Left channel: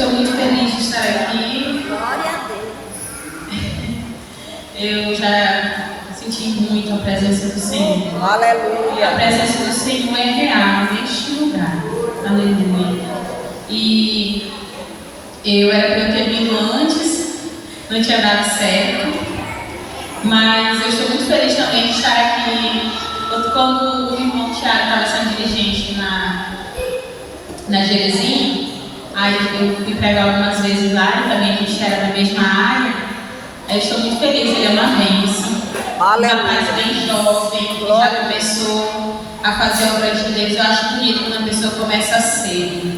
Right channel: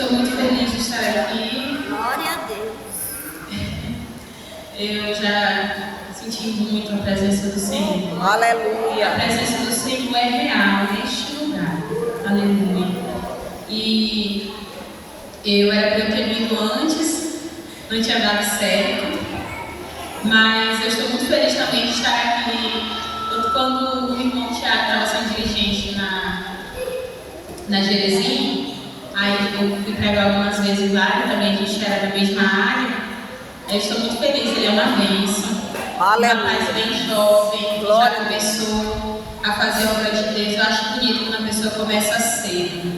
estou muito feliz de estar aqui. Glória a Deus. Eu já senti muito a presença do Senhor. Aleluia. A presença do Senhor é real neste lugar. Aleluia. E eu era para eu ter vindo antes, não tinha dado certo. Mas eu estou muito feliz também de estar aqui. Quando o irmão Tiago estava sendo dirigente na Jerezinha, aí eu fui pregar algumas vezes lá, e também a gente era da mesma área. Eu estou muito feliz, ele é uma bênção. Um rapaz bem jovem, que já começou a fazer a obra de Deus. Eu acho bonito quando a pessoa começa cedo.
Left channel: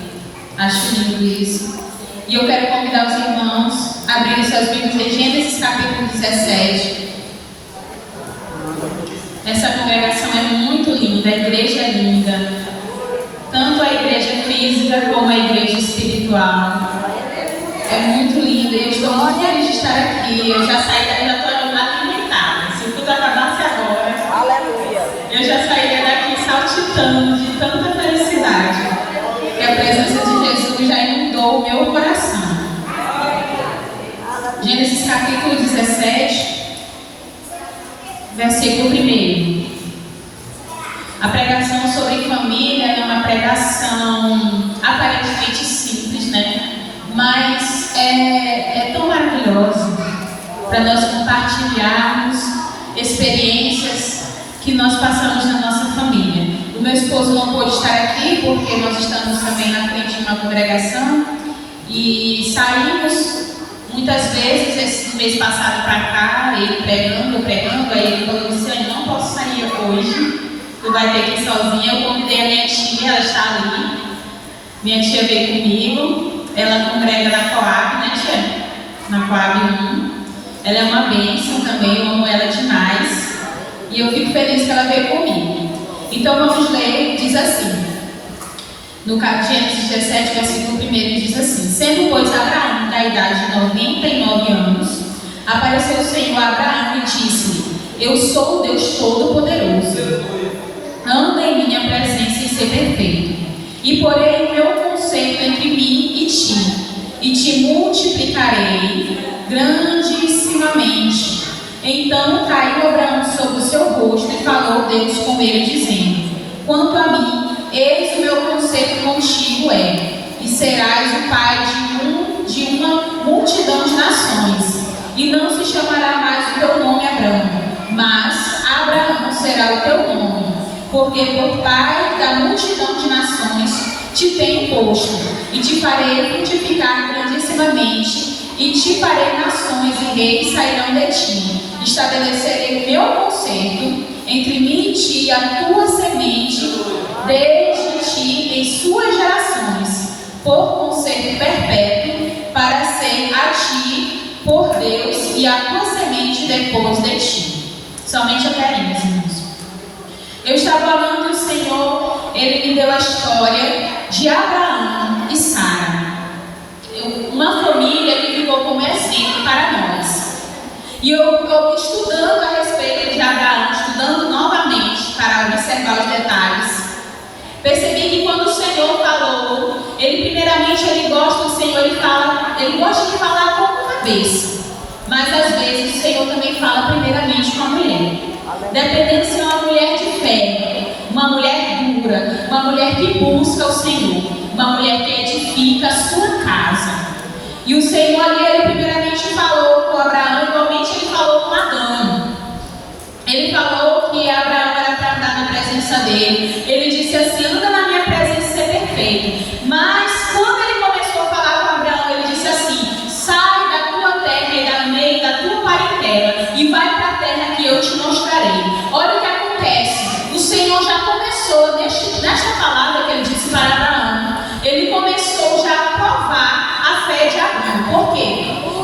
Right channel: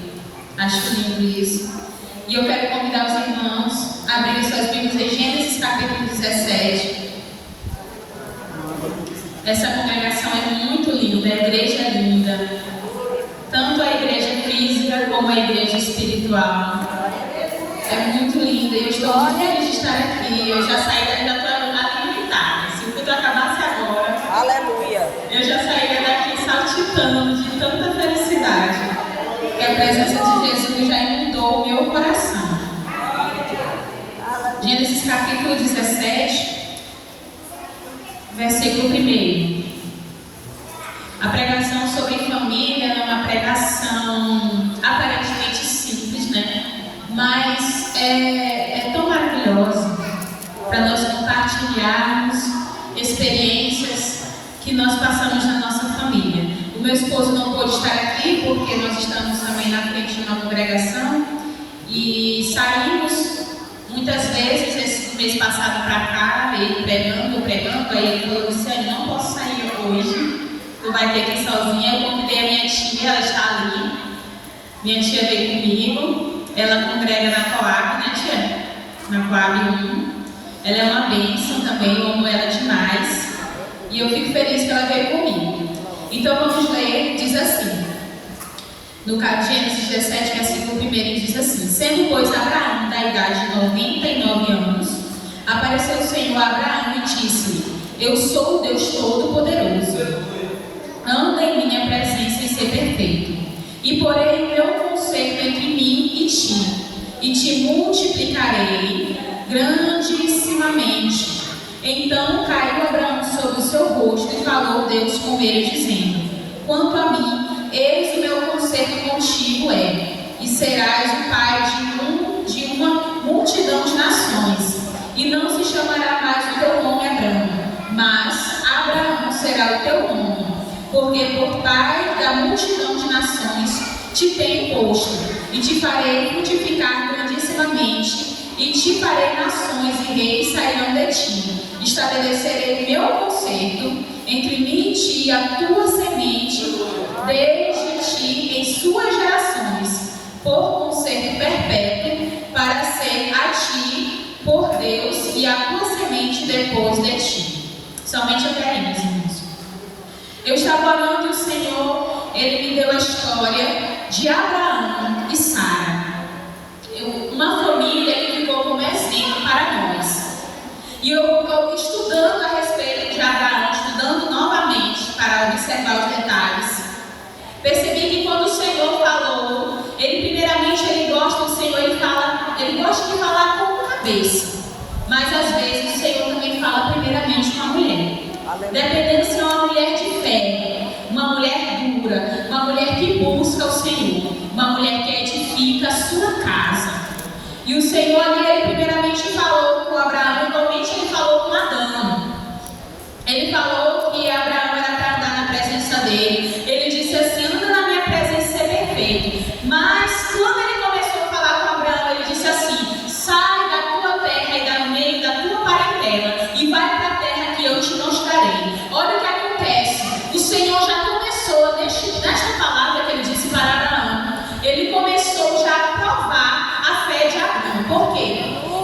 Acho lindo isso. E eu quero convidar os irmãos a abrirem suas Bíblias em Gênesis capítulo 17. Essa congregação é muito linda, a igreja é linda. Tanto a igreja física como a igreja espiritual. É muito linda. Eu estou muito feliz de estar aqui. Eu já saí, ainda estou alimentada. Se o culto acabasse agora, Aleluia. eu já sairia daqui saltitando de tanta felicidade. Que a presença de Jesus já inundou o meu coração. Gênesis capítulo 17. Versículo 1. A pregação sobre família é uma pregação aparentemente simples, né? Mas é tão maravilhosa para nós compartilharmos experiências que nós passamos na nossa família. O meu esposo não pôde estar aqui porque nós estamos também na frente de uma congregação e saímos muitas vezes esse mês passado para cá, ele pregando, aí ele falou: Luciane, não posso sair hoje, tu vai ter que ir sozinha. Eu convidei a minha tia, ela está ali. Minha tia veio comigo, ela congrega na Coab, né, tia? Na Coab 1. Ela é uma bênção também, eu amo ela demais. E eu fico feliz que ela veio comigo. Então vamos ler, diz assim. No Gênesis 17, versículo 1, diz assim: Sendo, pois, Abraão da idade de 99 anos, apareceu o Senhor a Abraão e disse-lhe: Eu sou o Deus Todo-Poderoso. Anda em minha presença e ser perfeito. E porei o meu conserto entre mim e te multiplicarei grandissimamente. Então caiu Abraão sobre o seu rosto e falou Deus com ele, dizendo: Quanto a mim, eis o meu conserto contigo e serás o pai de uma multidão de nações. E não se chamará mais o teu nome Abraão, mas Abraão será o teu nome, porque por pai da multidão de nações te tenho posto, e te farei frutificar grandissimamente, e te farei nações e reis sairão de ti. Estabelecerei meu conserto entre mim e ti, a tua semente, desde ti em suas gerações, por conserto perpétuo, para ser a ti por Deus e a tua semente depois de ti. Somente até aí, meus irmãos. Eu estava orando e o Senhor, Ele me deu a história de Abraão e Sara. Uma família que ficou como exemplo para nós. E eu estudando a respeito de Abraão, estudando novamente para observar os detalhes, percebi que quando o Senhor falou, ele gosta de falar com a cabeça. Mas às vezes o Senhor também fala primeiramente com a mulher. Dependendo se é uma mulher de fé, uma mulher dura, uma mulher que busca o Senhor, uma mulher que edifica a sua casa. E o Senhor ali, ele primeiramente falou com Abraão, igualmente ele falou com Adão. Ele falou que Abraão era para andar na presença dele. Ele disse assim: anda na minha presença e ser perfeito. Mas quando ele começou a falar com Abraão, ele disse assim: sai da tua terra e da meio da tua parentela e vai para a terra que eu te mostrarei. Olha o que acontece. O Senhor já começou, nesta palavra que ele disse para Abraão, ele começou já a provar a fé de Abraão. Por quê?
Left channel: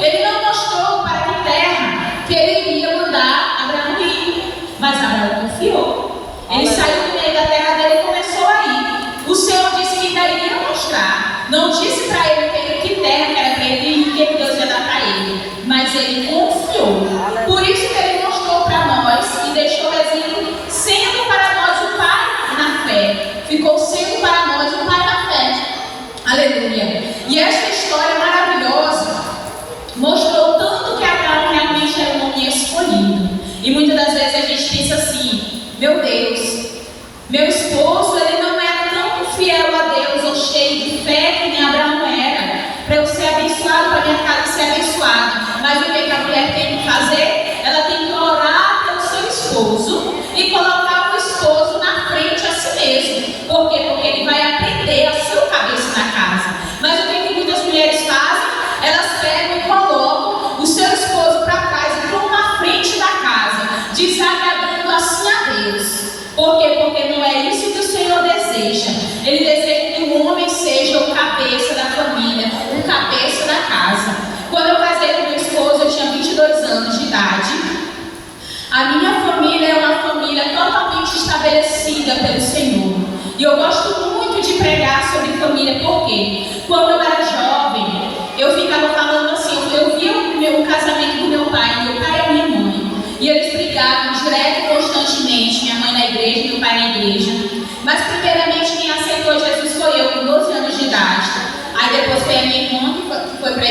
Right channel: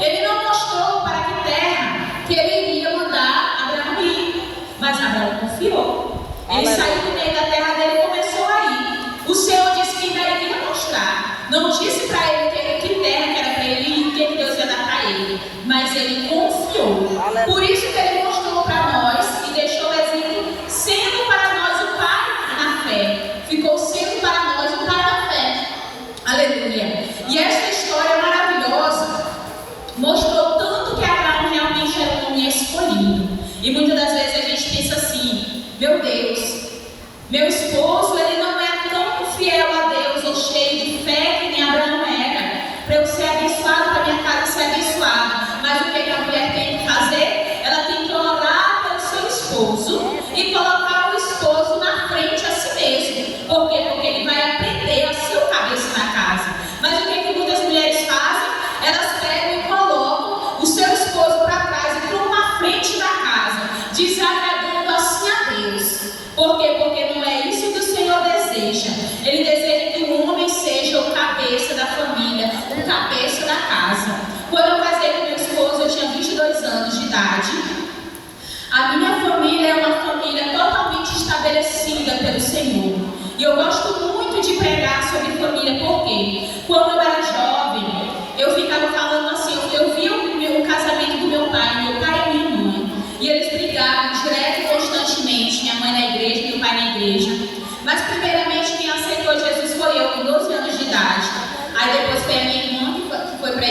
Ele não mostrou para que terra que ele iria mandar Abraão ir. Mas Abraão confiou.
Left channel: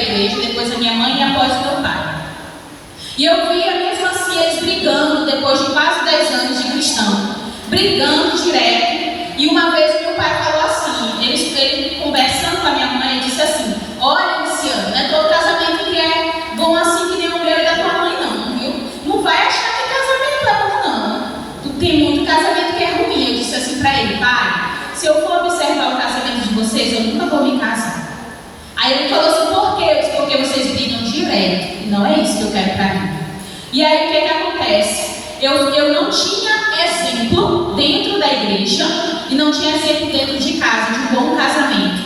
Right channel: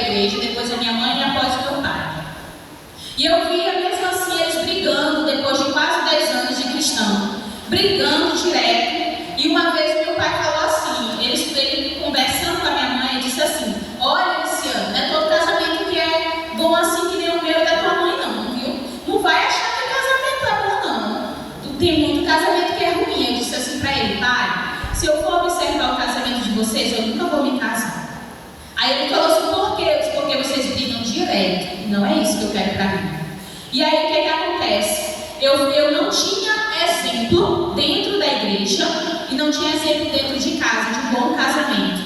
igreja, depois a minha mãe e após o meu pai. E eu via mesmo assim eles brigando, depois de quase 10 anos de cristão, brigando direto. E uma vez meu pai falou assim, ele conversando com a minha mãe, disse assim: olha, Luciano, não é todo casamento que é bom assim que nem o meu e da tua mãe não, viu? Não vai achar que casamento é bom não. Tem muito casamento que é ruim. Eu disse assim para ele: pai, se eu for observar o casamento de vocês, eu nunca vou me casar. Aí ele falou assim: por quê? Eu disse: porque vocês brigam direto. E não é isso que eu quero para mim. E aí o que acontece? Eu não tinha exemplo dentro da igreja e não tinha exemplo dentro de casa de um bom casamento.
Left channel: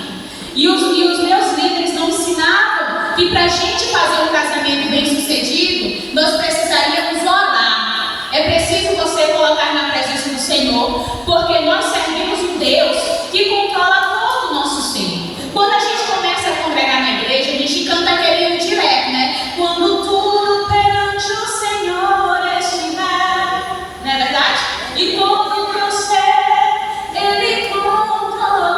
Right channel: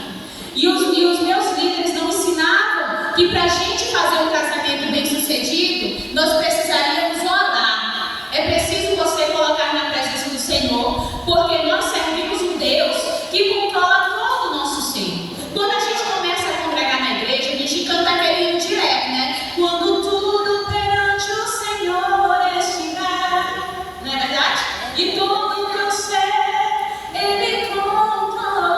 E os meus líderes não ensinavam que para a gente fazer um casamento bem sucedido, nós precisaríamos orar. É preciso você colocar na presença do Senhor, porque nós servimos um Deus que controla todo o nosso ser. Quando a gente começa a congregar na igreja, a gente canta aquele hino direto, né? Quando tudo perante o Senhor estiver, não é verdade? E todo o teu ser Ele controla,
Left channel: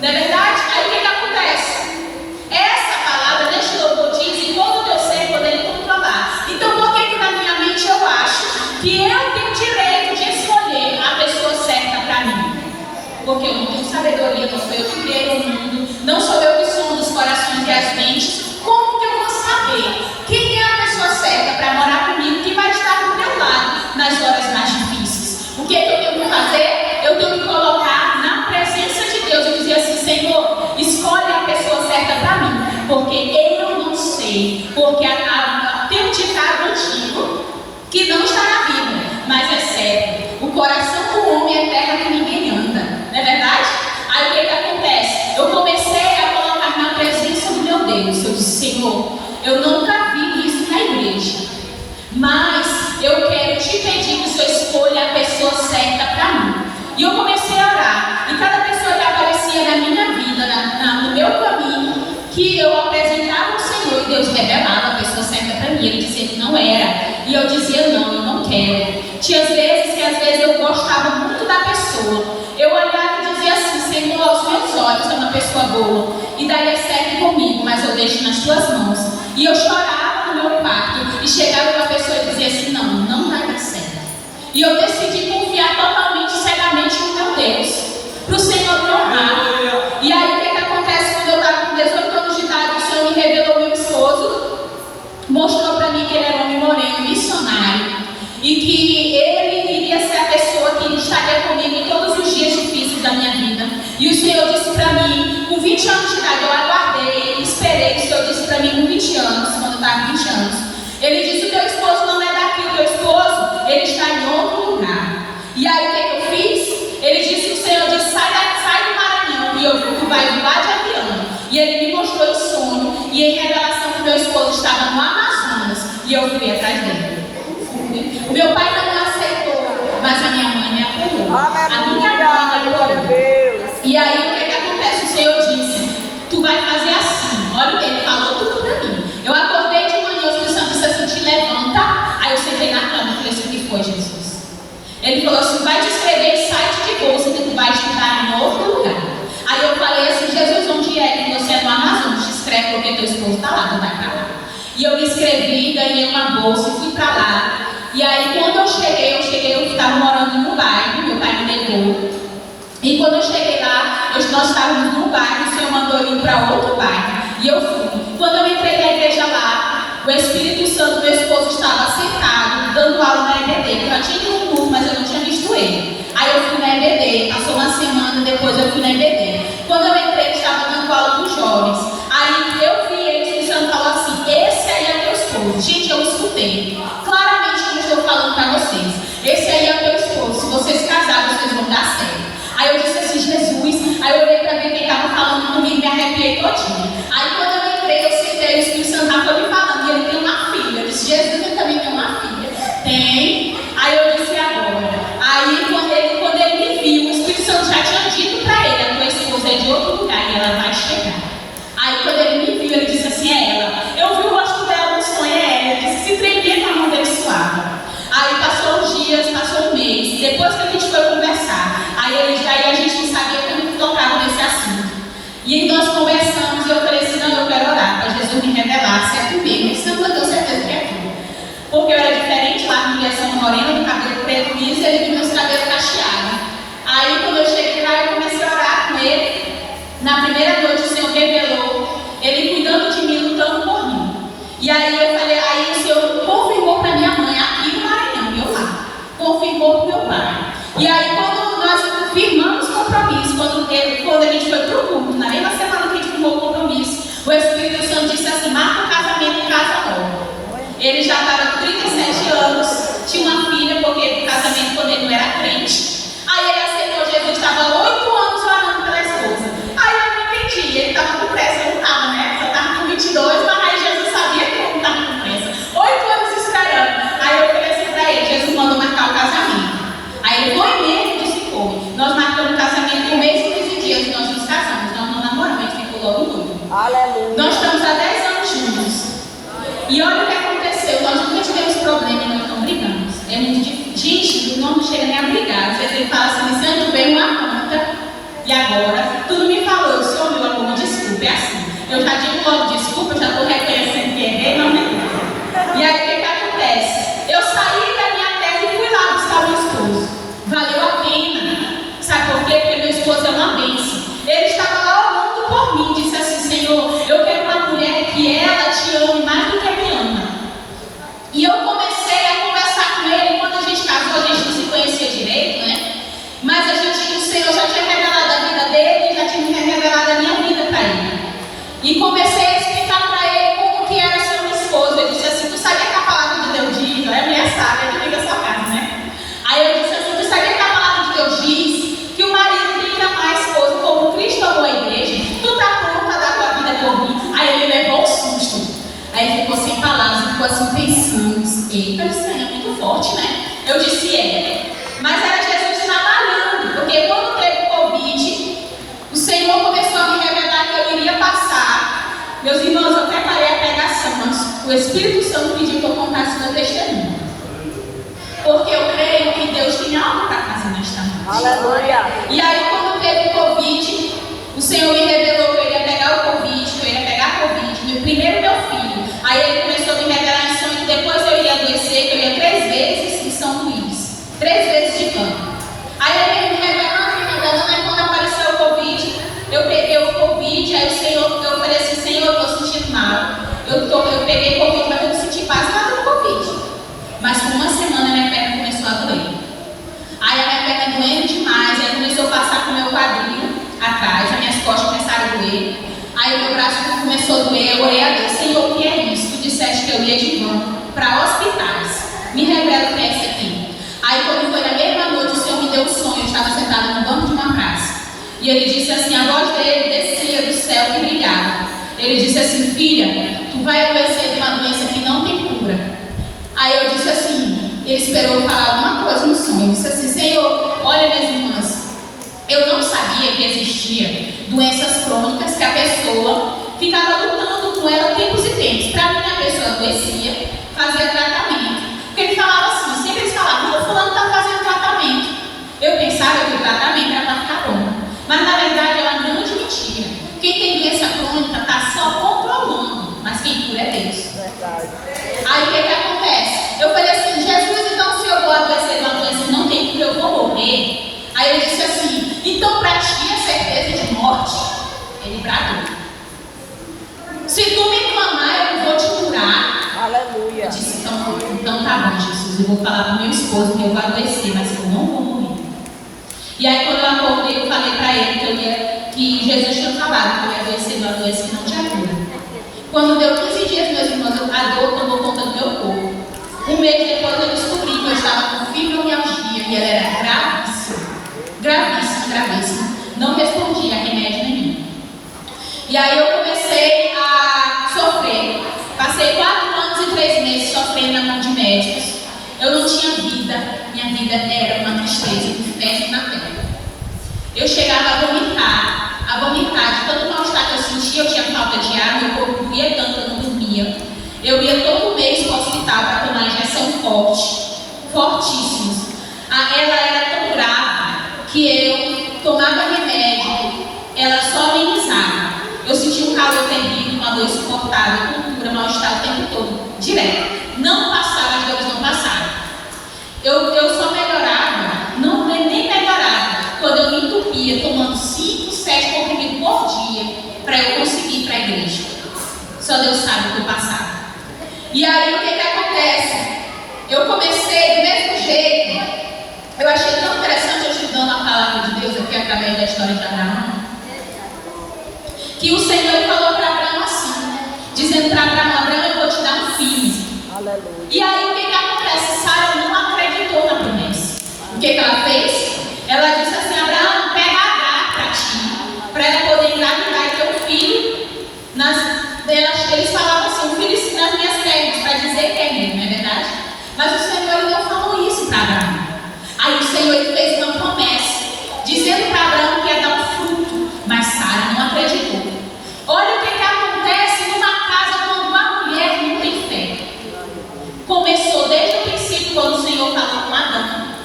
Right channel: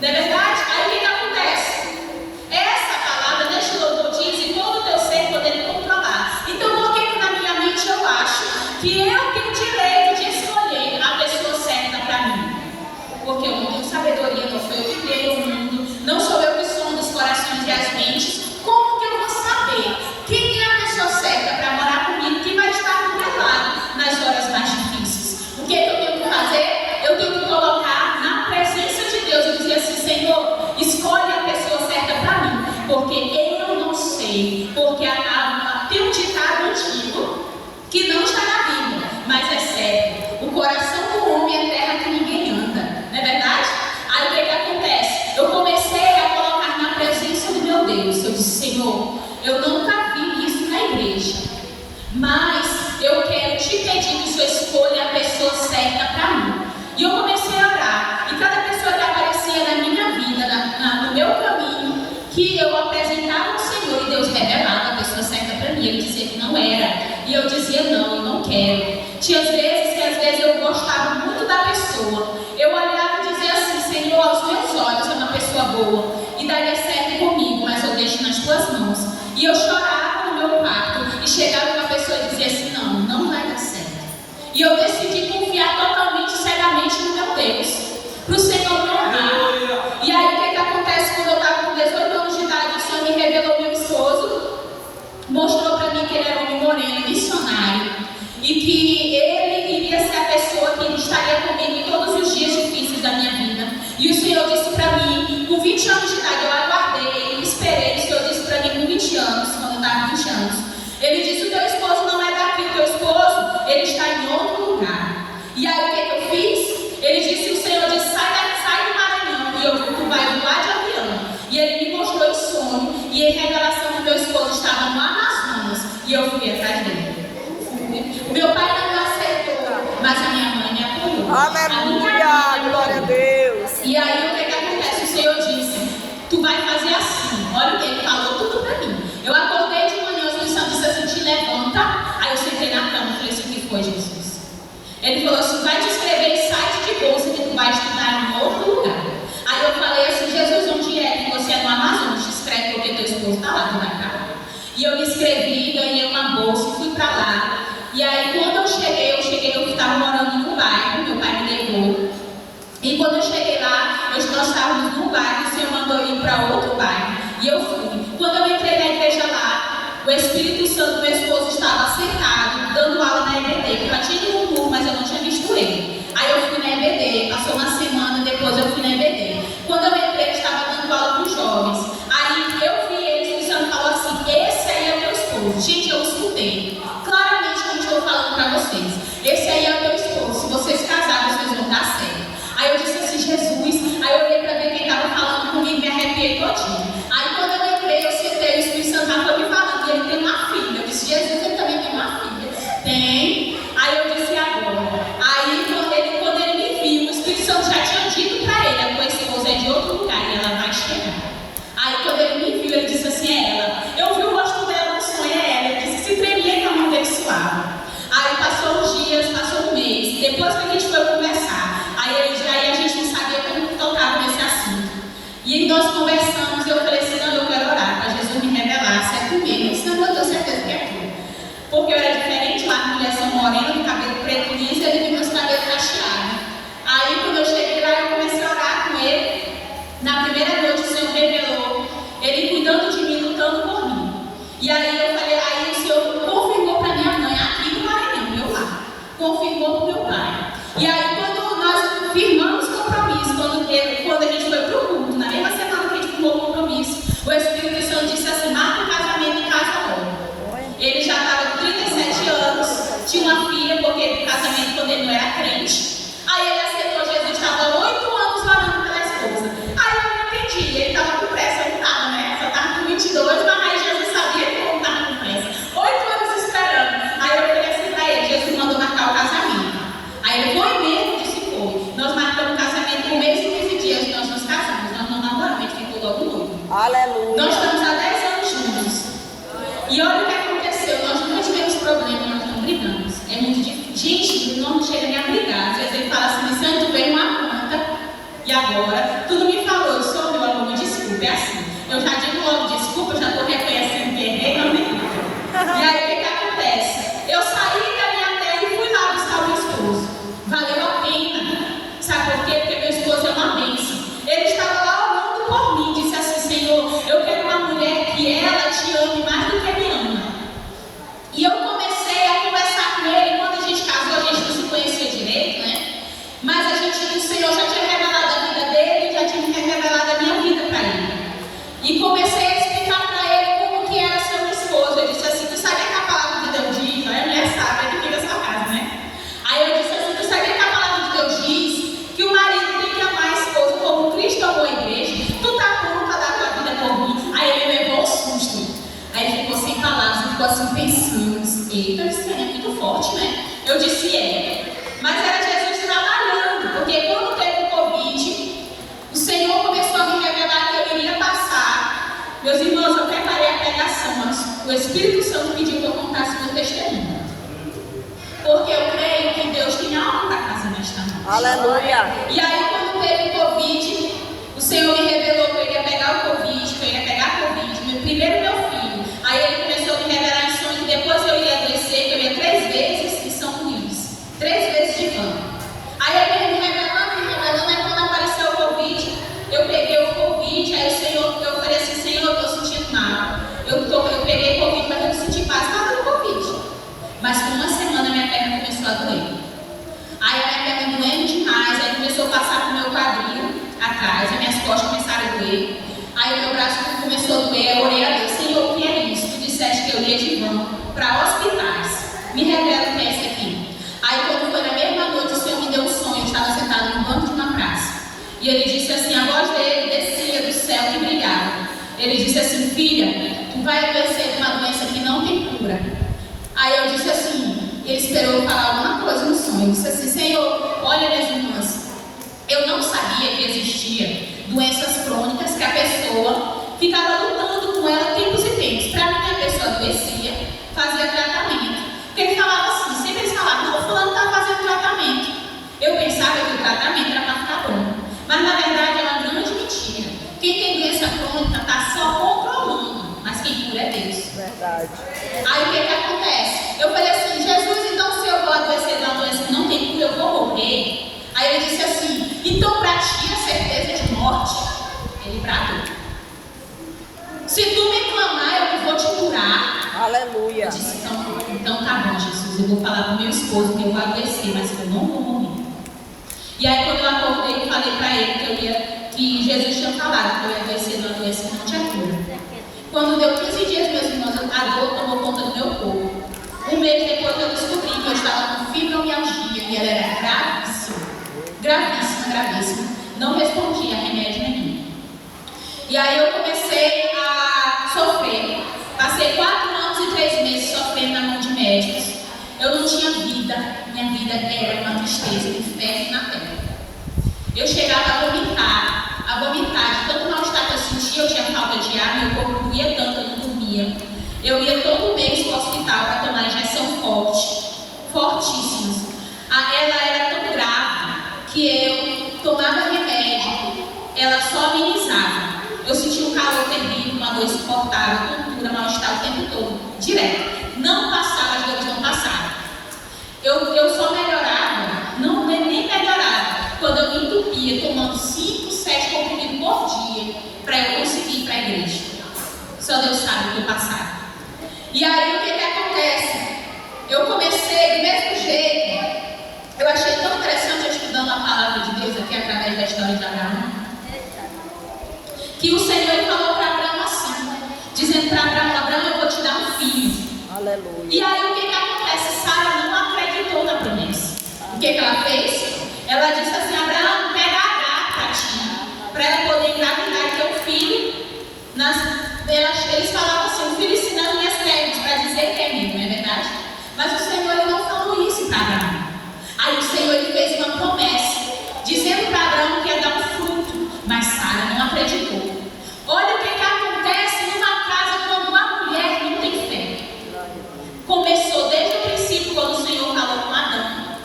não é verdade? Aí o que acontece? Essa palavra neste louvor diz: e todo o teu ser poder Ele controlar. Então por que na minha mente eu acho que eu tenho direito de escolher a pessoa certa para mim? Porque eu não tenho sabedoria, não sou eu que criei o mundo, não sou eu que sondo os corações e as mentes. Como que eu vou saber quem é a pessoa certa para morar comigo, que vai estar do meu lado nas horas mais difíceis? O que eu tenho que fazer? Eu tenho que colocar na presença de Deus e dizer assim: Senhor, escolhe a pessoa certa para mim, porque eu não sei. Porque tem um ditado antigo que não está na Bíblia, mas é certo: o coração do homem é terra que ninguém anda, não é verdade? Aí o que acontece? Eu comecei a colocar na presença do meu Deus. Eu disse: Senhor, eu nunca vi isso na igreja, mas eu quero te pedir que o Senhor escolha a pessoa certa para mim. E eu comecei a orar, e cada pessoa que aparecia na minha vida, no meu caminho, que eu apresentava ao Senhor, e Deus revelava a pessoa certa para mim. Ele dizia que não era, e eu dizia: não, eu não quero. Tinha vezes que eu gostava muito da pessoa, eu olhava e dizia assim: Senhor, aos meus olhos é uma pessoa boa e daria certo comigo, mas eu deixo nas tuas mãos. E eu chorava no meu quarto e chegava uma pessoa e dizia assim: não, não vai dar certo. E eu decidi confiar totalmente, cegamente no meu Deus, para o Senhor me honrar. E aí o que acontece? Quando eu estava com 18 anos de idade, o Senhor me revelou meu esposo, mostrou para mim que ele era um homem moreno, missionário, e que ele iria ser a pessoa que estaria comigo em todos os dias difíceis da minha vida. E o Senhor disse para mim, com 20 anos de idade, eu aguardei, esperei. O Senhor disse para mim com 20 anos, quando eu estava com 20 anos, Ele disse: o teu esposo não é daqui, o teu esposo, ele está em outro lugar. E aí o que eu fiz? Ele disse: o Senhor disse: sai do Maranhão. E eu vi que vai voar de avião. E ele me mostrou em sonho e em revelação que meu esposo estava no Amazonas. E eu fui atrás dele. O meu pai não me aceitou, mas a minha mãe me apoiou. A minha mãe me apoiou. E aí o que acontece? O Senhor disse: tu vai fazer assim. Olha, ele falou tudo para mim. Eu acordei de manhã, o Espírito Santo disse assim: te levanta. Aí eu sentei na cama e falei assim: o que foi, Jesus? Ele falou assim: vai te inscrever em site de bolsa que tu vai estudar em outro lugar. Aí eu falei assim: Jesus, onde é que você é no Amazonas? Te inscreve porque teu esposo está lá, tu vai para lá. E eu me inscrevi, ganhei uma bolsa e fui para lá. E aí quando eu cheguei, eu estava morando no bairro, meu pai me levou. E quando eu cheguei lá, nós estávamos no bairro, o Senhor mandou eu ir para outro bairro. E eu fui. Quando eu entrei na igreja lá, o Espírito Santo, meu esposo, estava sentado, dando aula na EBD. Eu já tinha ido um culto, mas eu não tinha visto ele. Aí eu fui na EBD, passou uma semana, depois eu fui na EBD. Quando eu entrei, ele estava dando aula com os jovens. Aí eu vi ele, o Espírito Santo falou assim: esse aí é o teu esposo. Gente, eu escutei claramente como estou falando para vocês. Esse aí é o teu esposo. Se vocês casarem, vocês vão dar certo. Aí eu disse assim: Jesus. Aí eu olhei para ver quem estava falando comigo e me arrepiei todinho. Aí quando eu entrei, eu sentei, o Espírito Santo foi me falando. E ele tem uma filha. Eu disse: Jesus, ele também tem uma filha. Tem. Deus me revelasse é comigo. Isso não eu tenho certeza que é tudo. Porque eu era diferente lá, com criação morena, do cabelo preto liso, e ele com meus cabelos cacheados. Aí, quando eu cheguei lá, eu comecei a orar com ele. Na primeira noite, o Senhor revelou, ele cuidando de mim, lutando por mim. E aí eu falei, aí o Senhor confirmou para minha mãe, aqui no Maranhão, meu lar. Confirmou para o meu pai. E aí, quando nós firmamos compromisso, quando a gente foi para o culto, na mesma semana que a gente firmou o compromisso, o Espírito Santo disse assim, marca o casamento em casa nova. Ele já estava com 37 anos, tinha uma filha, porque o casamento quando ele não era crente. Aí ele aceitou Jesus, estava 8 anos falando pela esposa. Aí eu não entendi, ele estava com pressa, eu não estava, né? Só estava com 22, mas aí Jesus sabia que eu não estava com pressa. 8 anos esperando. Aí eu falei assim para ele, Jesus mandou marcar o casamento. Aí ele foi mesmo, disse que foi. Nós marcamos o casamento em um mês e 15 dias, nós nos casamos. Nós não namoramos, a gente ficou logo noivo. Aleluia. Nós estamos há 10 anos juntos. E olha o que aconteceu, nós nunca tivemos problema e nós não brigamos. É muito difícil. Gente, não chega nem a brigar. Às vezes ele fala assim, Luciano, tu veio uma conta e agora tudo me falou, eu sou meu amor, me desculpe, é assim. Eu já digo logo desculpa, eu já estou reconhecendo que errei, não me. E aí o que acontece? Eu saí da minha terra e fui lá buscar meu esposo. Valeu a pena. Sabe por quê? Porque meu esposo é uma bênção. Ele estava lá orando por mim, disse assim, Senhor, eu quero uma mulher que ela te ame mais do que me ama. E eu comecei a conversar com ele. Quando a gente casou, a gente não se conhecia direito, né? Mas o Senhor já tinha revelado a vida dele, já tinha revelado a minha vida para ele. E comecei a explicar para ele como que era ser uma esposa. Eu disse assim, tu sabia que a palavra de Deus diz, não é minha sábia que fica a sua casa, né? Aí eu disse assim, tu sabia que a palavra de Deus diz que o marido tem que amar a esposa como Cristo amou a igreja? Tu tá pronto a dar tua vida por mim? Aí ele levou um susto. Aí ele ficou sem palavras, ficou assim pensando. Eita, isso aí é muito forte, né? Eu disse, mas era Jesus trabalhando, porque quando teve o Covid, o Senhor começou a me revelar que eu iria passar. Meus irmãos, eu preparei a pregação, mas o Espírito Santo pediu que eu contasse meu testemunho. Porque eu creio que Deus tem algo para casa nesta noite. Aleluia. E aí, quando teve o Covid, o Senhor me revelou que eu iria pegar o Covid, que eu iria pegar a Covid, primeiro meu filho. Aí ele começou a me revelar em sonho que depois eu iria adoecer, que eu ia 3 vezes em São Luís. 3 vezes de pano. Aí ele me revelando, aí quando apareceu o Covid, eu peguei o Covid, aí o Senhor, eu falei assim, Senhor, eu estou sentindo mal. Eu peguei o Covid, mas eu não senti quase nada do Covid. Mas com uma semana minha perna começou a doer. Aí a minha perna doendo demais, aí começou a passar com o meu quadril atrás, as minhas costas começaram a doer. Aí o meu braço começou a doer, eu orei a Deus, Senhor, o que é isso? Tu disseste que eu ia de vão para hospitais. Me revela o que é isso aqui. Aí quando foi na mesma noite, o Senhor me deu um sonho, eu estava sentada no banco de uma praça. E ele disse assim, a voz dele descia do céu que brilhava. Ele disse assim, filha, tu vai adoecer de uma doença que não tem cura. Aí eu disse assim, ele esperou eu falar alguma coisa no sonho. Eu disse assim, Senhor, olha minhas irmãs, eu não sabia que existia doenças crônicas que a pessoa ficava lutando com ela tempos e tempos. Para mim, a pessoa adoecia, fazia tratamento. Porque ele falava assim, sempre eles falavam, não, fulano está fazendo tratamento. Eu pensava que o tratamento era para ficar bom. Mas na verdade é uma grande mentira. Quem tem doença crônica está só controlando, mas quem cura é Deus. Verdade. Aí o que acontece? Eu falei assim, Jesus, então se eu vou adoecer de uma doença que não tem cura, eu vou morrer. Aí ele disse assim, então para ti a certeza de morte? Ele bradou. Se tu me clamar, eu não vou te curar. Aleluia. Eu disse, então tá bom, Jesus, eu vou falar pro meu esposo que eu vou adoecer, mas que eu não vou morrer. E aí quando eu acordei, eu falei para ele que Jesus tinha falado que eu ia adoecer de uma doença que não tinha cura. Quando deu 15 dias, meus irmãos, a dor tomou conta do meu corpo. Um mês depois eu descobri que eu estava com fibromialgia e ela era gravíssima. Gravíssima, gravíssima. Não respondia a remédio nenhum. E aí eu comecei a sofrer. Passei 4 anos e 3 meses sofrendo na mão de médicos. Eu não tinha vida. Minha vida era uma tristeza, um inferno na terra. Eu chegava a vomitar de tanto mal-estar que eu sentia. Eu tinha falta de ar, meu corpo doía tanto, eu não dormia. Eu ia todo mês para o hospital para tomar injeção fortíssimas. Ela era tão grave que eu tomava remédio, ela só amenizava. Eu sentia um calor terrível, uma dor insuportável, tontura, mal-estar o tempo todo, direto. Não passava, as dores não passavam. Eu só melhorava, não nem melhorava, quando eu me entupia tomando 5, 7 comprimidos por dia para eu conseguir ir para a igreja. Só Deus sabe o que eu passava. E aí o que acontece? Eu comecei do mesmo jeito. Eu achei tão interessante eu estudando a palavra de Deus aqui através da história de Abraão, que o Senhor falou para Abraão assim, dizendo para Abraão: Abraão, eu vou te dar um filho. Aleluia. E aí o que acontece? Sara não acreditou na promessa. O que ela fez? Ela disse assim: Abraão, pega Agar para ti, para ela poder engravidar e ter um filho. Eles falavam assim: um filho nas minhas pernas, para dizer que é meu, não é verdade? Mas o Senhor ele não falou isso para Abraão. Aí o Senhor ele fez uma promessa, dizendo para Abraão que ia dar um fruto, mas Sara não acreditou. Olha o que acontece numa casa quando uma mulher não tem fé. Começou desde o princípio, quando o Senhor falou com Adão.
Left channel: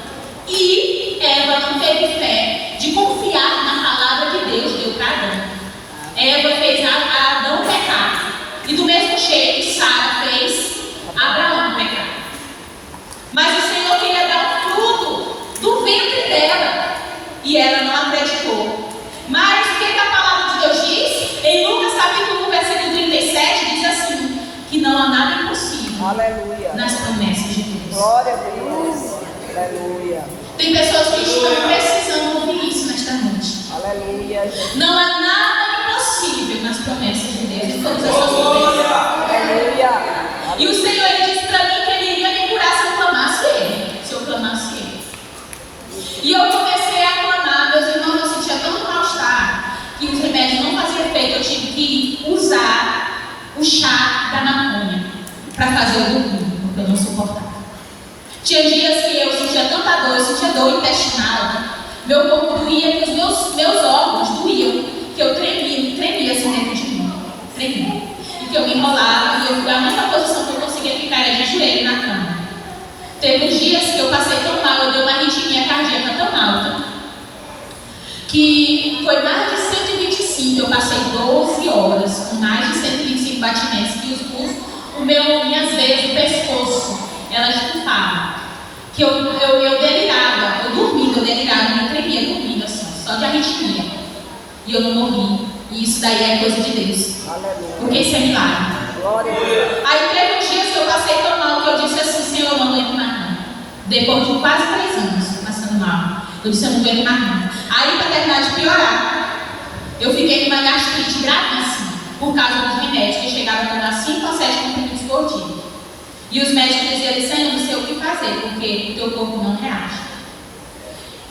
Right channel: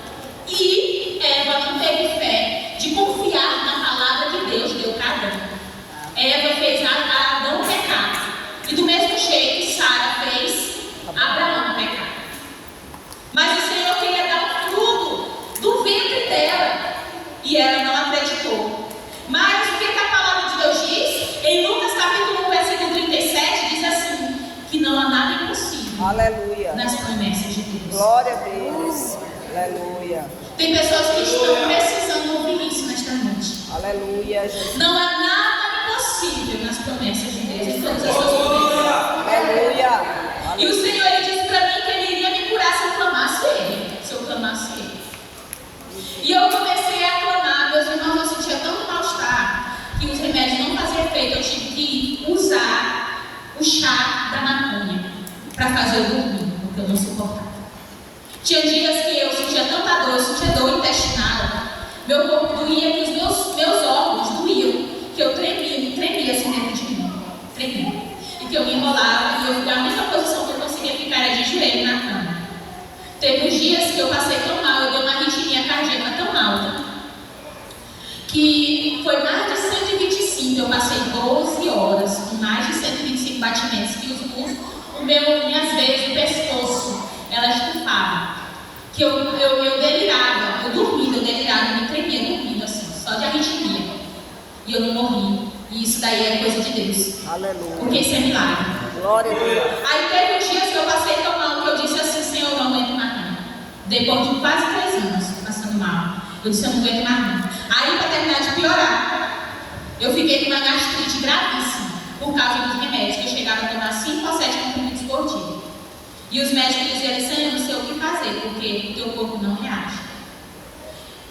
E Eva não teve fé de confiar na palavra que Deus deu para Adão. Eva fez Adão pecar. E do mesmo jeito, Sara fez Abraão pecar. Mas o Senhor queria dar um fruto do ventre dela. E ela não acreditou. Mas o que a palavra de Deus diz? Em Lucas capítulo 1, versículo 37, diz assim: que não há nada impossível. Aleluia. Nas promessas de Deus. Glória a Deus. Aleluia. Tem pessoas que estão precisando ouvir isso nesta noite. Aleluia, Jesus. Não há nada impossível nas promessas de Deus. Em todas as suas promessas. Aleluia. E o Senhor ele disse para mim que Ele iria me curar se eu clamasse Ele. Se eu clamasse Ele. E eu comecei a clamar. Meus irmãos, eu sentia tanto mal-estar que os remédios não faziam efeito. Eu tive que usar o chá da maconha para fazer eu dormir, porque eu não suportava. Tinha dias que eu sentia tanta dor, eu sentia dor intestinal, meu corpo doía, que os meus órgãos doíam, que eu tremia assim dentro de mim, tremia. E que eu me enrolava, e a única posição que eu conseguia ficar era de joelho na cama. Teve uns dias que eu passei tão mal, eu dei uma arritmia cardíaca tão alta, que foi mais de 125, eu passei 12 horas, com mais de 125 batimentos, que minhas veias, o pescoço, elas estufavam. Que eu delirava, eu dormia, eu delirava, eu tremia dormindo assim, só de arritmia. E eu não morri. E isso daí é coisa de Deus. Aleluia. Porque isso é milagre. Glória a Deus. Aí teve dias que eu passei tão mal que eu disse assim: Senhor, eu não aguento mais não. Depois de quase 3 anos passando mal, eu disse: eu não aguento mais não. Aí, para terminar de piorar, eu fiquei com uma gastrite gravíssima por causa dos remédios, que chegava a tomar 5 ou 7 comprimidos por dia. E os médicos diziam assim: não sei o que fazer, porque o teu corpo não reage.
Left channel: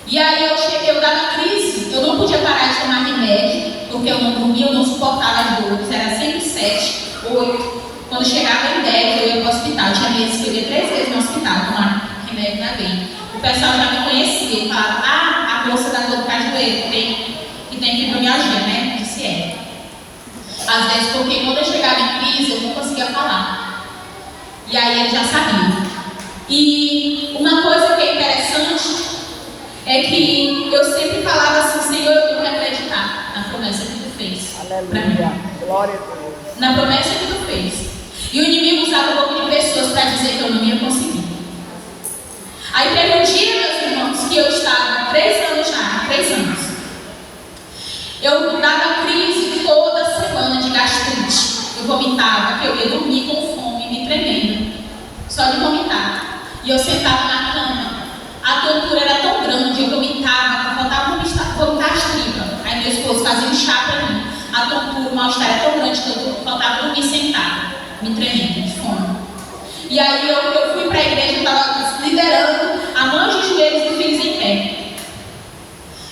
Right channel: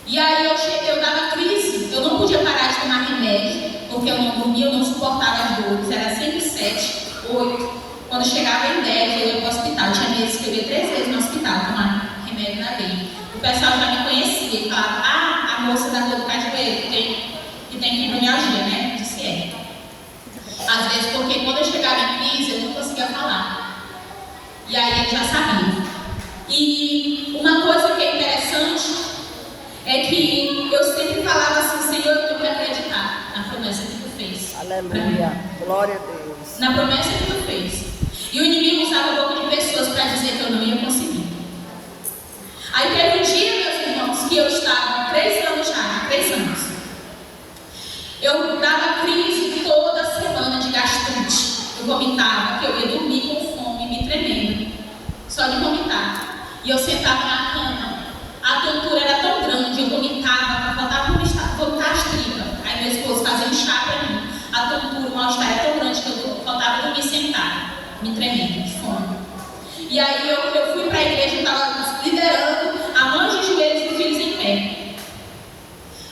E aí eu dava crise, eu não podia parar de tomar remédio, porque eu não dormia, eu não suportava as dores, era sempre 7, 8. Quando chegava em 10, eu ia para o hospital. Tinha meses que eu ia 3 vezes no hospital tomar remédio na veia. O pessoal já me conhecia e falava: a moça da dor de joelho que tem fibromialgia, né? Disse é. Às vezes, porque quando eu chegava em crise, eu não conseguia falar. E aí ele já sabia. E uma coisa que é interessante é que eu sempre falava assim: Senhor, eu tenho que acreditar na promessa que tu fez. Aleluia. Glória a Deus. Na promessa que tu fez. E o inimigo usava um pouco de pessoas para dizer que eu não ia conseguir. Aí teve um dia, meus irmãos, que eu estava há 3 anos já, 3 anos. Eu dava crise toda semana de gastrite. Eu vomitava, que eu ia dormir com fome, me tremendo. Só de vomitar. E eu sentava na cama. A tontura era tão grande, eu vomitava, faltava vomitar as tripas. Aí meu esposo fazia um chá para mim. A tontura, o mal-estar era tão grande que eu faltava dormir sentada, me tremendo, de fome. E aí eu fui para a igreja, eu estava liderando a mãe de joelhos do Filhos em Pé.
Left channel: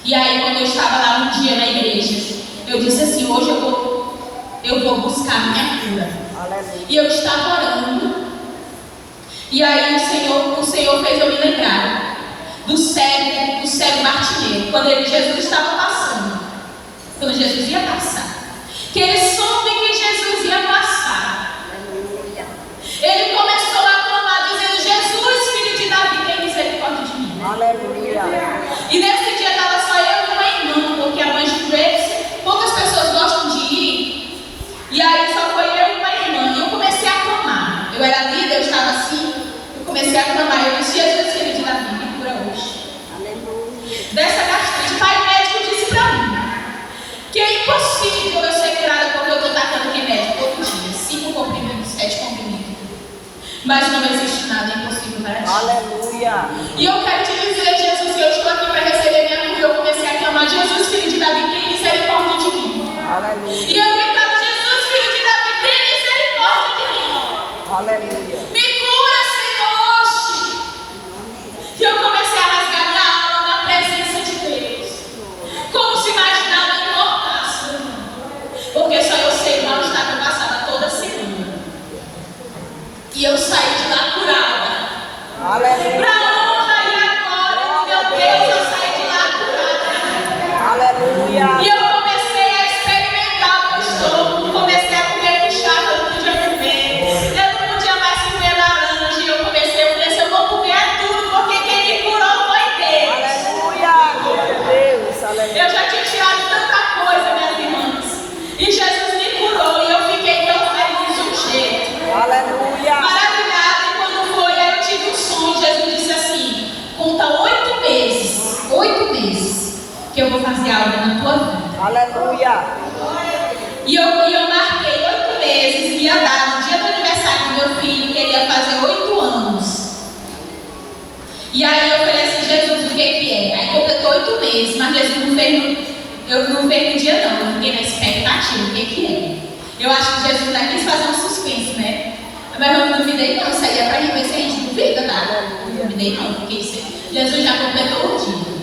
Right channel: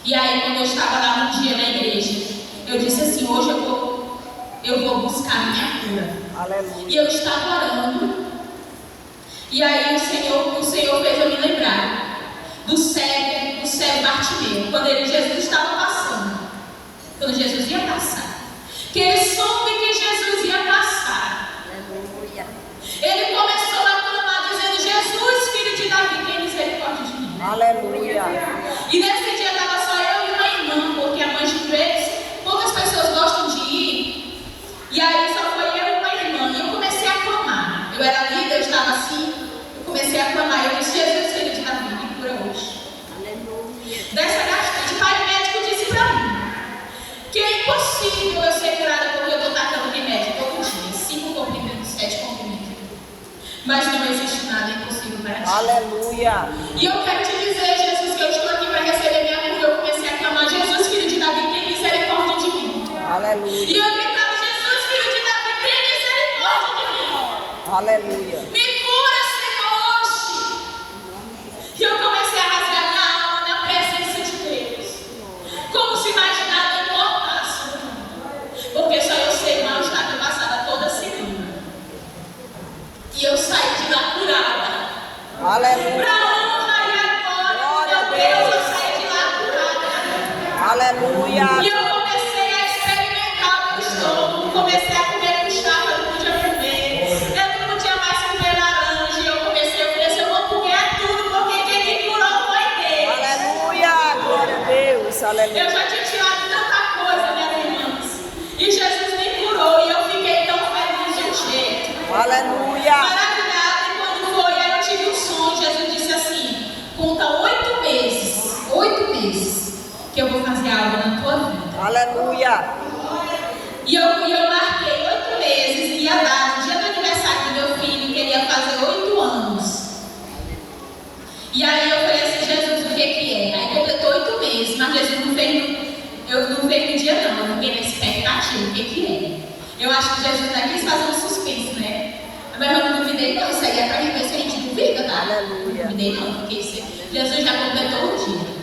E aí quando eu estava lá um dia na igreja, eu disse assim: hoje eu vou buscar minha cura. Aleluia. E eu estava orando. E aí o Senhor fez eu me lembrar do cego Bartimeu, quando Jesus estava passando, quando Jesus ia passar, que ele soube que Jesus ia passar. Ele começou a clamar dizendo: Jesus, filho de Davi, tem misericórdia de mim. Aleluia. E nesse dia estava só eu e uma irmã, porque a mãe de joelhos, poucas pessoas gostam de ir. E aí só foi Aleluia. E eu quero te dizer, Jesus, que eu estou aqui para receber minha cura. Eu comecei a clamar, Jesus, filho de Davi, tem misericórdia de mim. Aleluia. E eu gritava, Jesus, filho de Davi, tem misericórdia de mim. Aleluia. Me cura, Senhor. E eu comecei a rasgar minha alma na presença de Deus. Como se mais nada importasse. Porque só eu sei o mal-estar que eu passava toda semana. E eu saí de lá curada. Aleluia. Para a honra e a glória, meu Deus, eu saí de lá curada. Aleluia. E eu comecei a experimentar o meu estômago, comecei a comer puxada, eu não podia comer. Eu não podia mais comer laranja. E eu comecei a dizer, eu vou comer tudo, porque quem me curou foi Deus. Aleluia. Glória a Deus. Aleluia. Eu já tinha tirado tanta coisa, minhas irmãs. E Jesus me curou e eu fiquei tão feliz de um jeito. Aleluia. Maravilhada. E quando foi, aí eu tive um sonho. Jesus disse assim: conta 8 meses, que eu vou fazer algo na tua vida. Aleluia. E eu marquei 8 meses, ia dar no dia do aniversário do meu filho, que ele ia fazer 8 anos. E aí eu falei assim, Jesus, o que é? Aí completou 8 meses, mas Jesus não fez no dia não, eu fiquei na expectativa, o que é? Eu acho que Jesus ainda quis fazer um suspense, né? Mas eu não duvidei não, isso aí é pra gente ver se a gente duvida, tá? Não duvidei não, porque Jesus já completou o dia.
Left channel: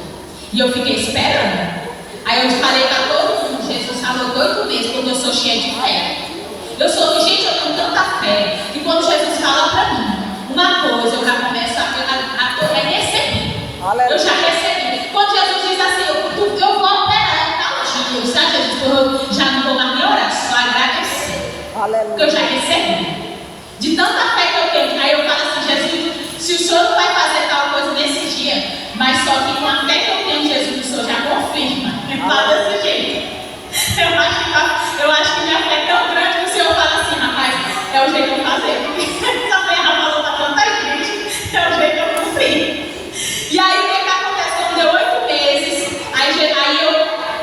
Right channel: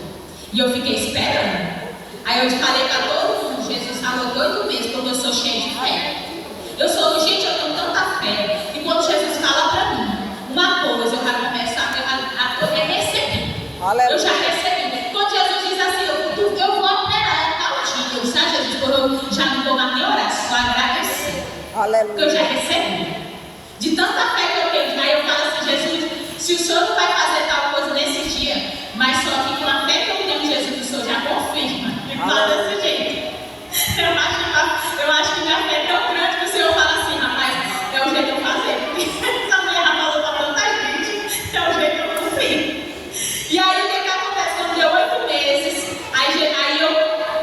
E eu fiquei esperando. Aí eu falei pra todo mundo, Jesus falou 8 meses, porque eu sou cheia de fé. Gente, eu tenho tanta fé, que quando Jesus fala pra mim uma coisa, eu já começo a receber. Aleluia. Eu já recebi. Quando Jesus diz assim, eu vou operar tal dia, sabe, Jesus? Eu já não vou mais nem orar, só agradecer. Aleluia. Porque eu já recebi. De tanta fé que eu tenho. Aí eu falo assim, Jesus, se o Senhor não vai fazer tal coisa nesse dia, mas só que com a fé que eu tenho, Jesus, o Senhor já confirma. E fala desse jeito. Eu acho que minha fé é tão grande que o Senhor fala assim, rapaz, é o jeito de eu fazer. Porque também ela falou para tanta gente, é o jeito de eu cumprir. E aí o que acontece? Quando deu 8 meses, aí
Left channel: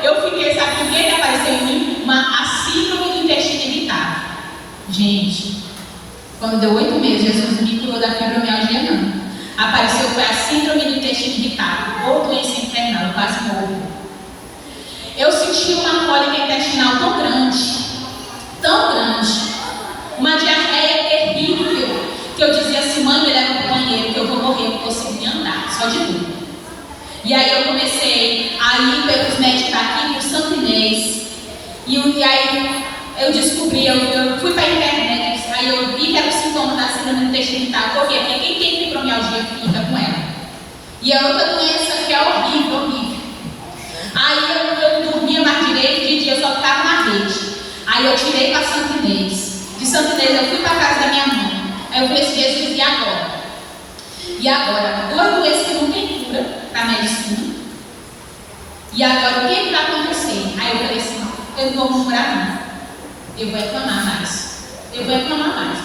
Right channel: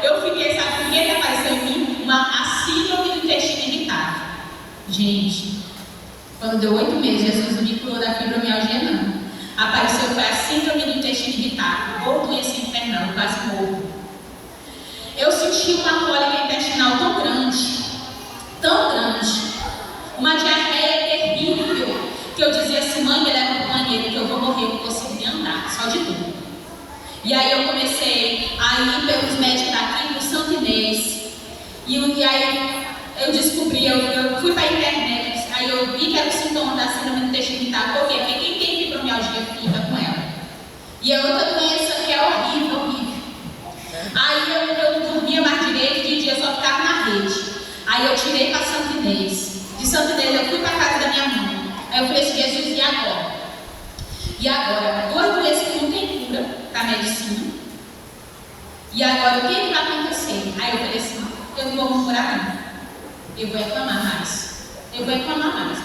eu fiquei, sabe o que apareceu em mim? A síndrome do intestino irritável. Gente, quando deu 8 meses, Jesus não me curou da fibromialgia, não. Apareceu foi a síndrome do intestino irritável, ou doença internal, eu quase morro. Eu senti uma cólica intestinal tão grande, uma diarreia terrível, que eu dizia assim, mãe, me leva pro banheiro, que eu vou morrer, eu não consigo nem andar, só de dor. E aí eu comecei a ir pelos médicos daqui, pro Santo Inês, e aí eu descobri, eu fui para a internet, aí eu vi que era o sintoma da síndrome do intestino irritável. Por quê? Porque quem tem fibromialgia fica com ela. E é outra doença que é horrível. Aí eu não dormia mais direito, de dia eu só ficava na rede. Aí eu tirei para Santo Inês. De Santo Inês eu fui para a casa da minha mãe. Aí eu falei assim, Jesus, e agora? E agora? 2 doenças que não tem cura para a medicina. E agora o que vai acontecer? Aí eu falei assim, eu não vou murmurar não. Eu vou reclamar mais.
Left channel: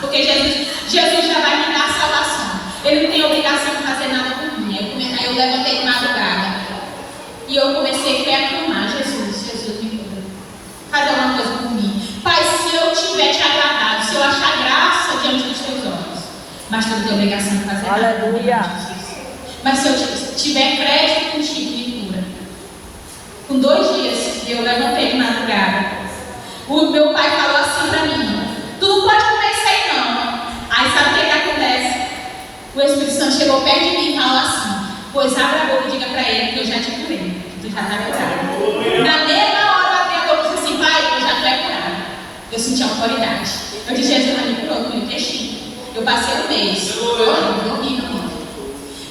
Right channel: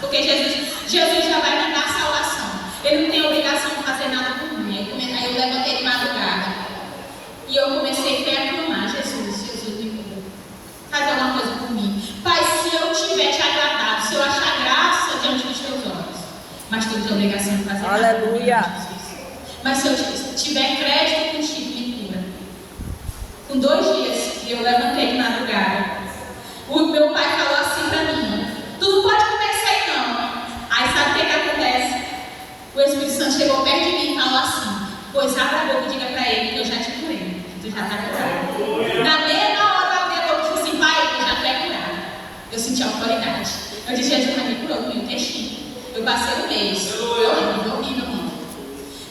Porque Jesus já vai me dar salvação. Ele não tem obrigação de fazer nada por mim. Aí eu levantei de madrugada. E eu comecei a clamar. Jesus, me cura. Faz alguma coisa por mim. Pai, se eu tiver te agradado, se eu achar graça diante dos teus olhos, mas tu não tem obrigação de fazer nada. Aleluia. Mas se eu tiver crédito contigo, me cura. Com 2 dias, eu levantei de madrugada. O meu pai falou assim pra mim, tu não pode comer isso aí não. Aí sabe o que acontece? O Espírito Santo chegou perto de mim e falou assim, pois abra a boca e diga pra ele que eu já te curei. Tu já está curado. Na mesma hora eu abri a boca e disse assim, pai, eu já estou curado. Eu senti autoridade. Eu disse, Jesus já me curou no intestino. Eu passei 1 mês. Foi horrível.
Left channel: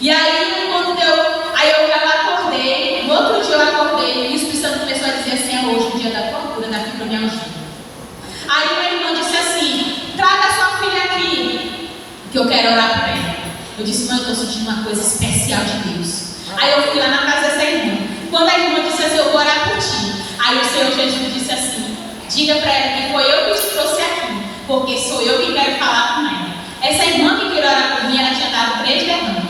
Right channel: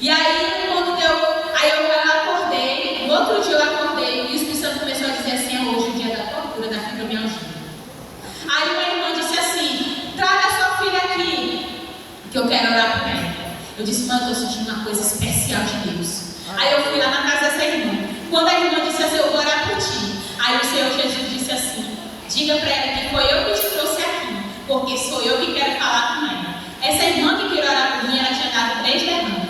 E aí quando deu, aí eu acordei, no outro dia eu acordei, e o Espírito Santo começou a dizer assim, é hoje o dia da tua cura, da fibromialgia. Aí minha irmã disse assim, traga sua filha aqui, que eu quero orar por ela. Eu disse, mãe, eu estou sentindo uma coisa especial de Deus. Aí eu fui lá na casa dessa irmã. Quando a irmã disse assim, eu vou orar por ti. Aí o Senhor Jesus disse assim, diga para ela que foi eu que te trouxe aqui, porque sou eu que quero falar com ela. Essa irmã que queria orar por mim, ela tinha dado 3 derrames.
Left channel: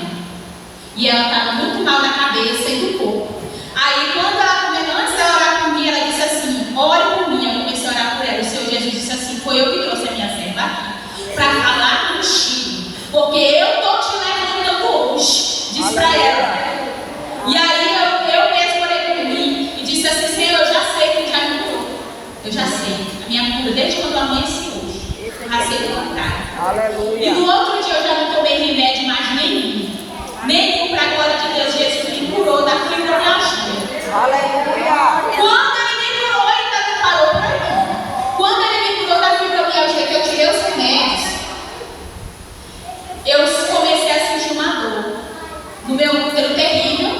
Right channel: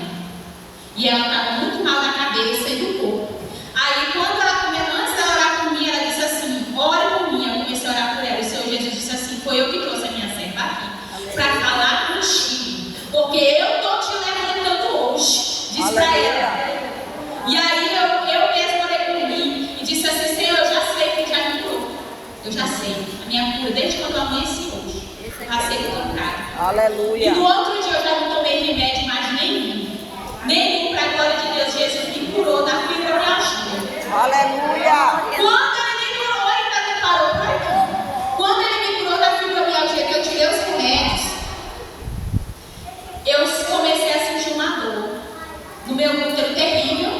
E ela estava muito mal na cabeça e do corpo. Aí quando ela começou, antes dela orar por mim, ela disse assim, ore por mim. Eu comecei a orar por ela. O Senhor Jesus disse assim, foi eu que trouxe a minha serva aqui, para falar contigo, porque eu estou te levantando receita bancária. E Aleluia. no outro dia eu já não tomei remédio mais nenhum. Nenhum, para a glória de Deus. Jesus me curou da fibromialgia. Aleluia. Quando ele me curou, ele também parou para mim. Quando ele me curou da fibromialgia, que eu tirei os remédios, eu comecei a sentir uma dor no meu útero terrível.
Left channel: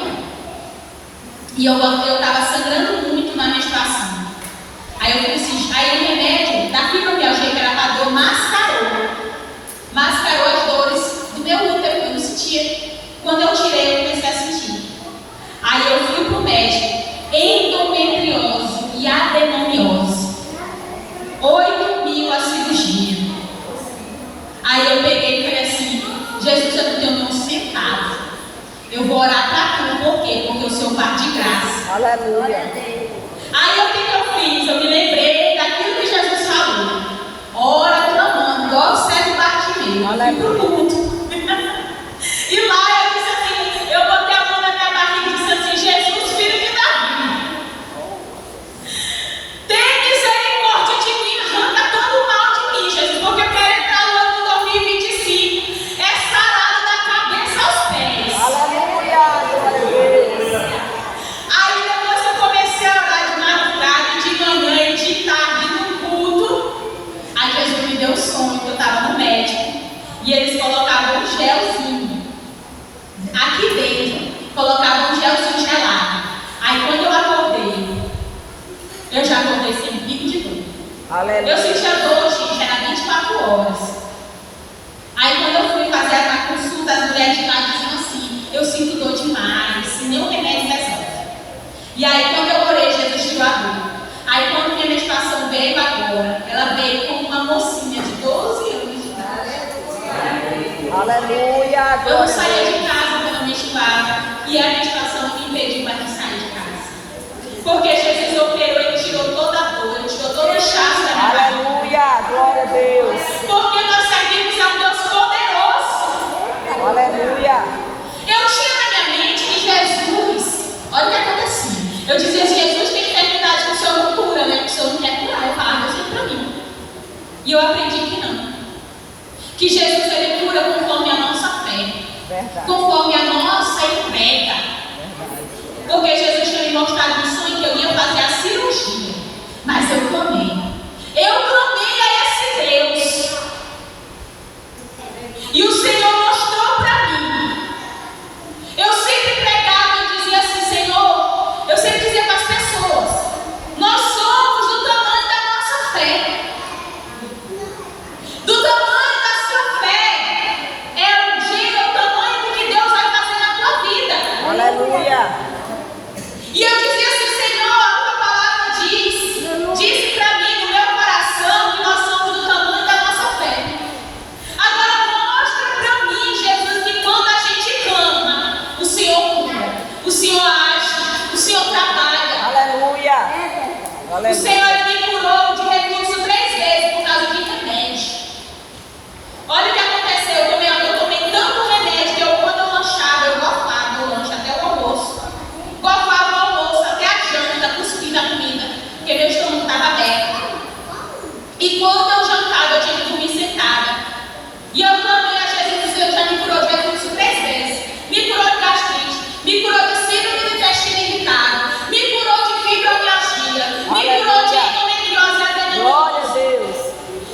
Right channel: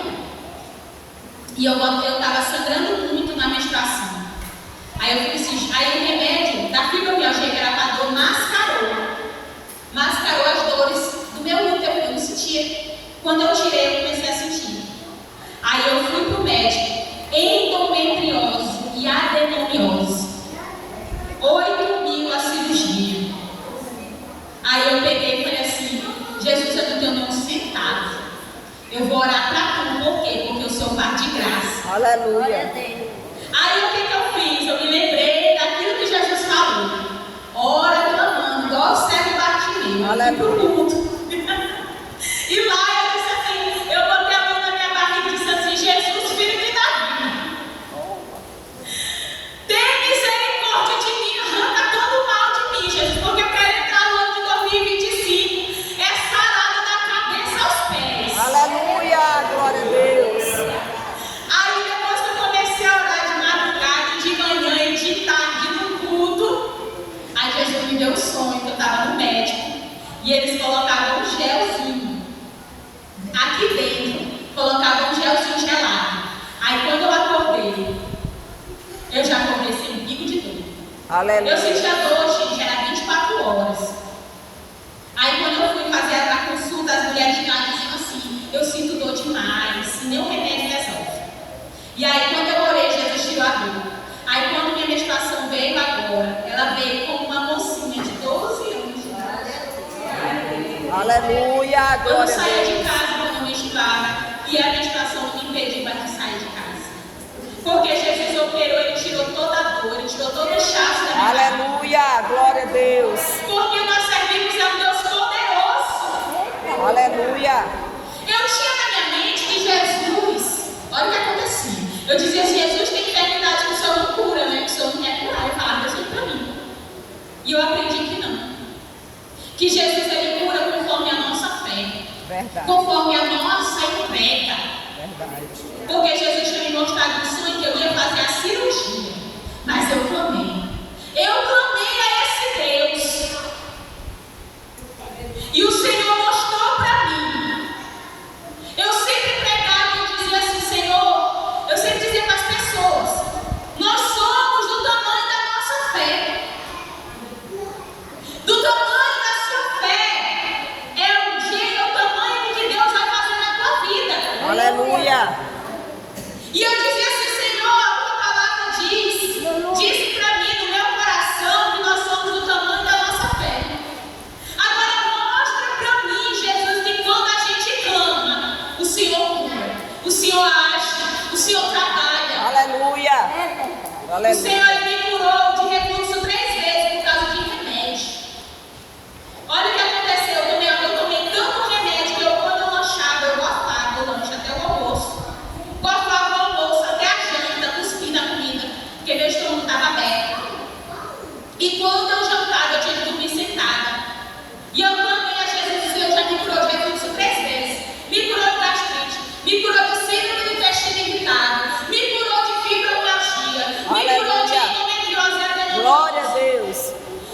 E eu estava sangrando muito na menstruação. Aí eu falei assim, aí o remédio da fibromialgia, que era para dor, mascarou as dores do meu útero, eu não sentia. Quando eu tirei, eu comecei a sentir. Aí eu fui pro médico, endometriose e adenomiose. 8.000 a cirurgia. Aí eu peguei e falei assim, Jesus, eu não tenho nenhum centavo. Eu vou orar para tu, por quê? Porque eu sou um par de graça. Aleluia. Aí o que eu fiz? Eu me lembrei daquilo que Jesus falou. Ora clamando, igual o cego Bartimeu. Aleluia. Fui pro culto. E lá eu disse assim, eu botei a mão na minha barriga e disse assim, Jesus, filho de Davi, tem misericórdia de mim, arranca todo o mal de mim, Jesus, porque eu quero entrar no ano de 2025, é sarado da cabeça aos pés. Aleluia. Glória a Deus. Aí depois que eu comecei a orar de madrugada, de manhã e de tarde no culto, aí Jesus me deu um sonho que eu estava no médico e eles colocavam um gelzinho aqui dentro, colocavam um gelzinho gelado. Aí quando eu acordei, eu já acordei sem pico de dor. Aleluia. Eu sentia dor, gente, era 24 horas. Aí quando eu fui fazer a consulta, as mulheres de lá diziam assim, eu sinto dor demais, se nenhum remédio resolve. E aí quando eu orei, Jesus tirou a dor. Aí quando minha medicação veio agora, ela veio com uma mocinha de 12 anos de idade. Aleluia. Eu não Glória a saía Deus. de casa quando eu menstruava e a menstruação me impediu mais de sair de casa. Porque Jesus operou, ele tirou toda a dor, ele tirou todo o inchaço da minha barriga. Aleluia. Glória a Deus. Porque nós servimos a um Deus poderoso. Aleluia. Eu tinha na minha mente que Jesus, olha o que acontecia. Eu dizia assim, Jesus tem enfermidade que o Senhor não cura, né? Que o Senhor não quer curar. Eu falava assim para mim. E eu aprendi que não. Que Jesus ele cura conforme a nossa fé. Verdade. Conforme a nossa entrega. Verdade. Porque Jesus tinha me mostrado um sonho que eu ia fazer a cirurgia. Mas eu clamei. Eu clamei a esse Deus. E o Senhor mostrou para mim. Eu sempre pregava e dizia assim, Senhor, eu sempre dizia para as pessoas, nós somos do tamanho da nossa fé. Do tamanho da sua fé. É o tamanho do que Deus vai fazer na tua vida. Aleluia. E eu dizia assim, Senhor, a tua palavra disse para mim no meu coração que nós somos do tamanho da nossa fé. Agora mostra para mim, Jesus, que quando a gente clama, o Senhor cura, o Senhor age, o Senhor trabalha. Aleluia. O Aleluia. Senhor ele me curou de refluxo 3 vezes por causa de remédio. Olha o que aconteceu, eu tomei tanto remédio que quando eu lanchava, eu gofava o lanche até o almoço. Gofava o almoço até a janta, cuspindo a comida, porque meu estômago estava aberto. E quando eu jantava, eu tinha que dormir sentada. E eu clamei a Jesus, o Senhor já me curou de refluxo 3 vezes. Me curou de gastrite, me curou de síndrome do intestino irritado, me curou de fibromialgia, me curou de endometriose e adenomose. Glória a Deus.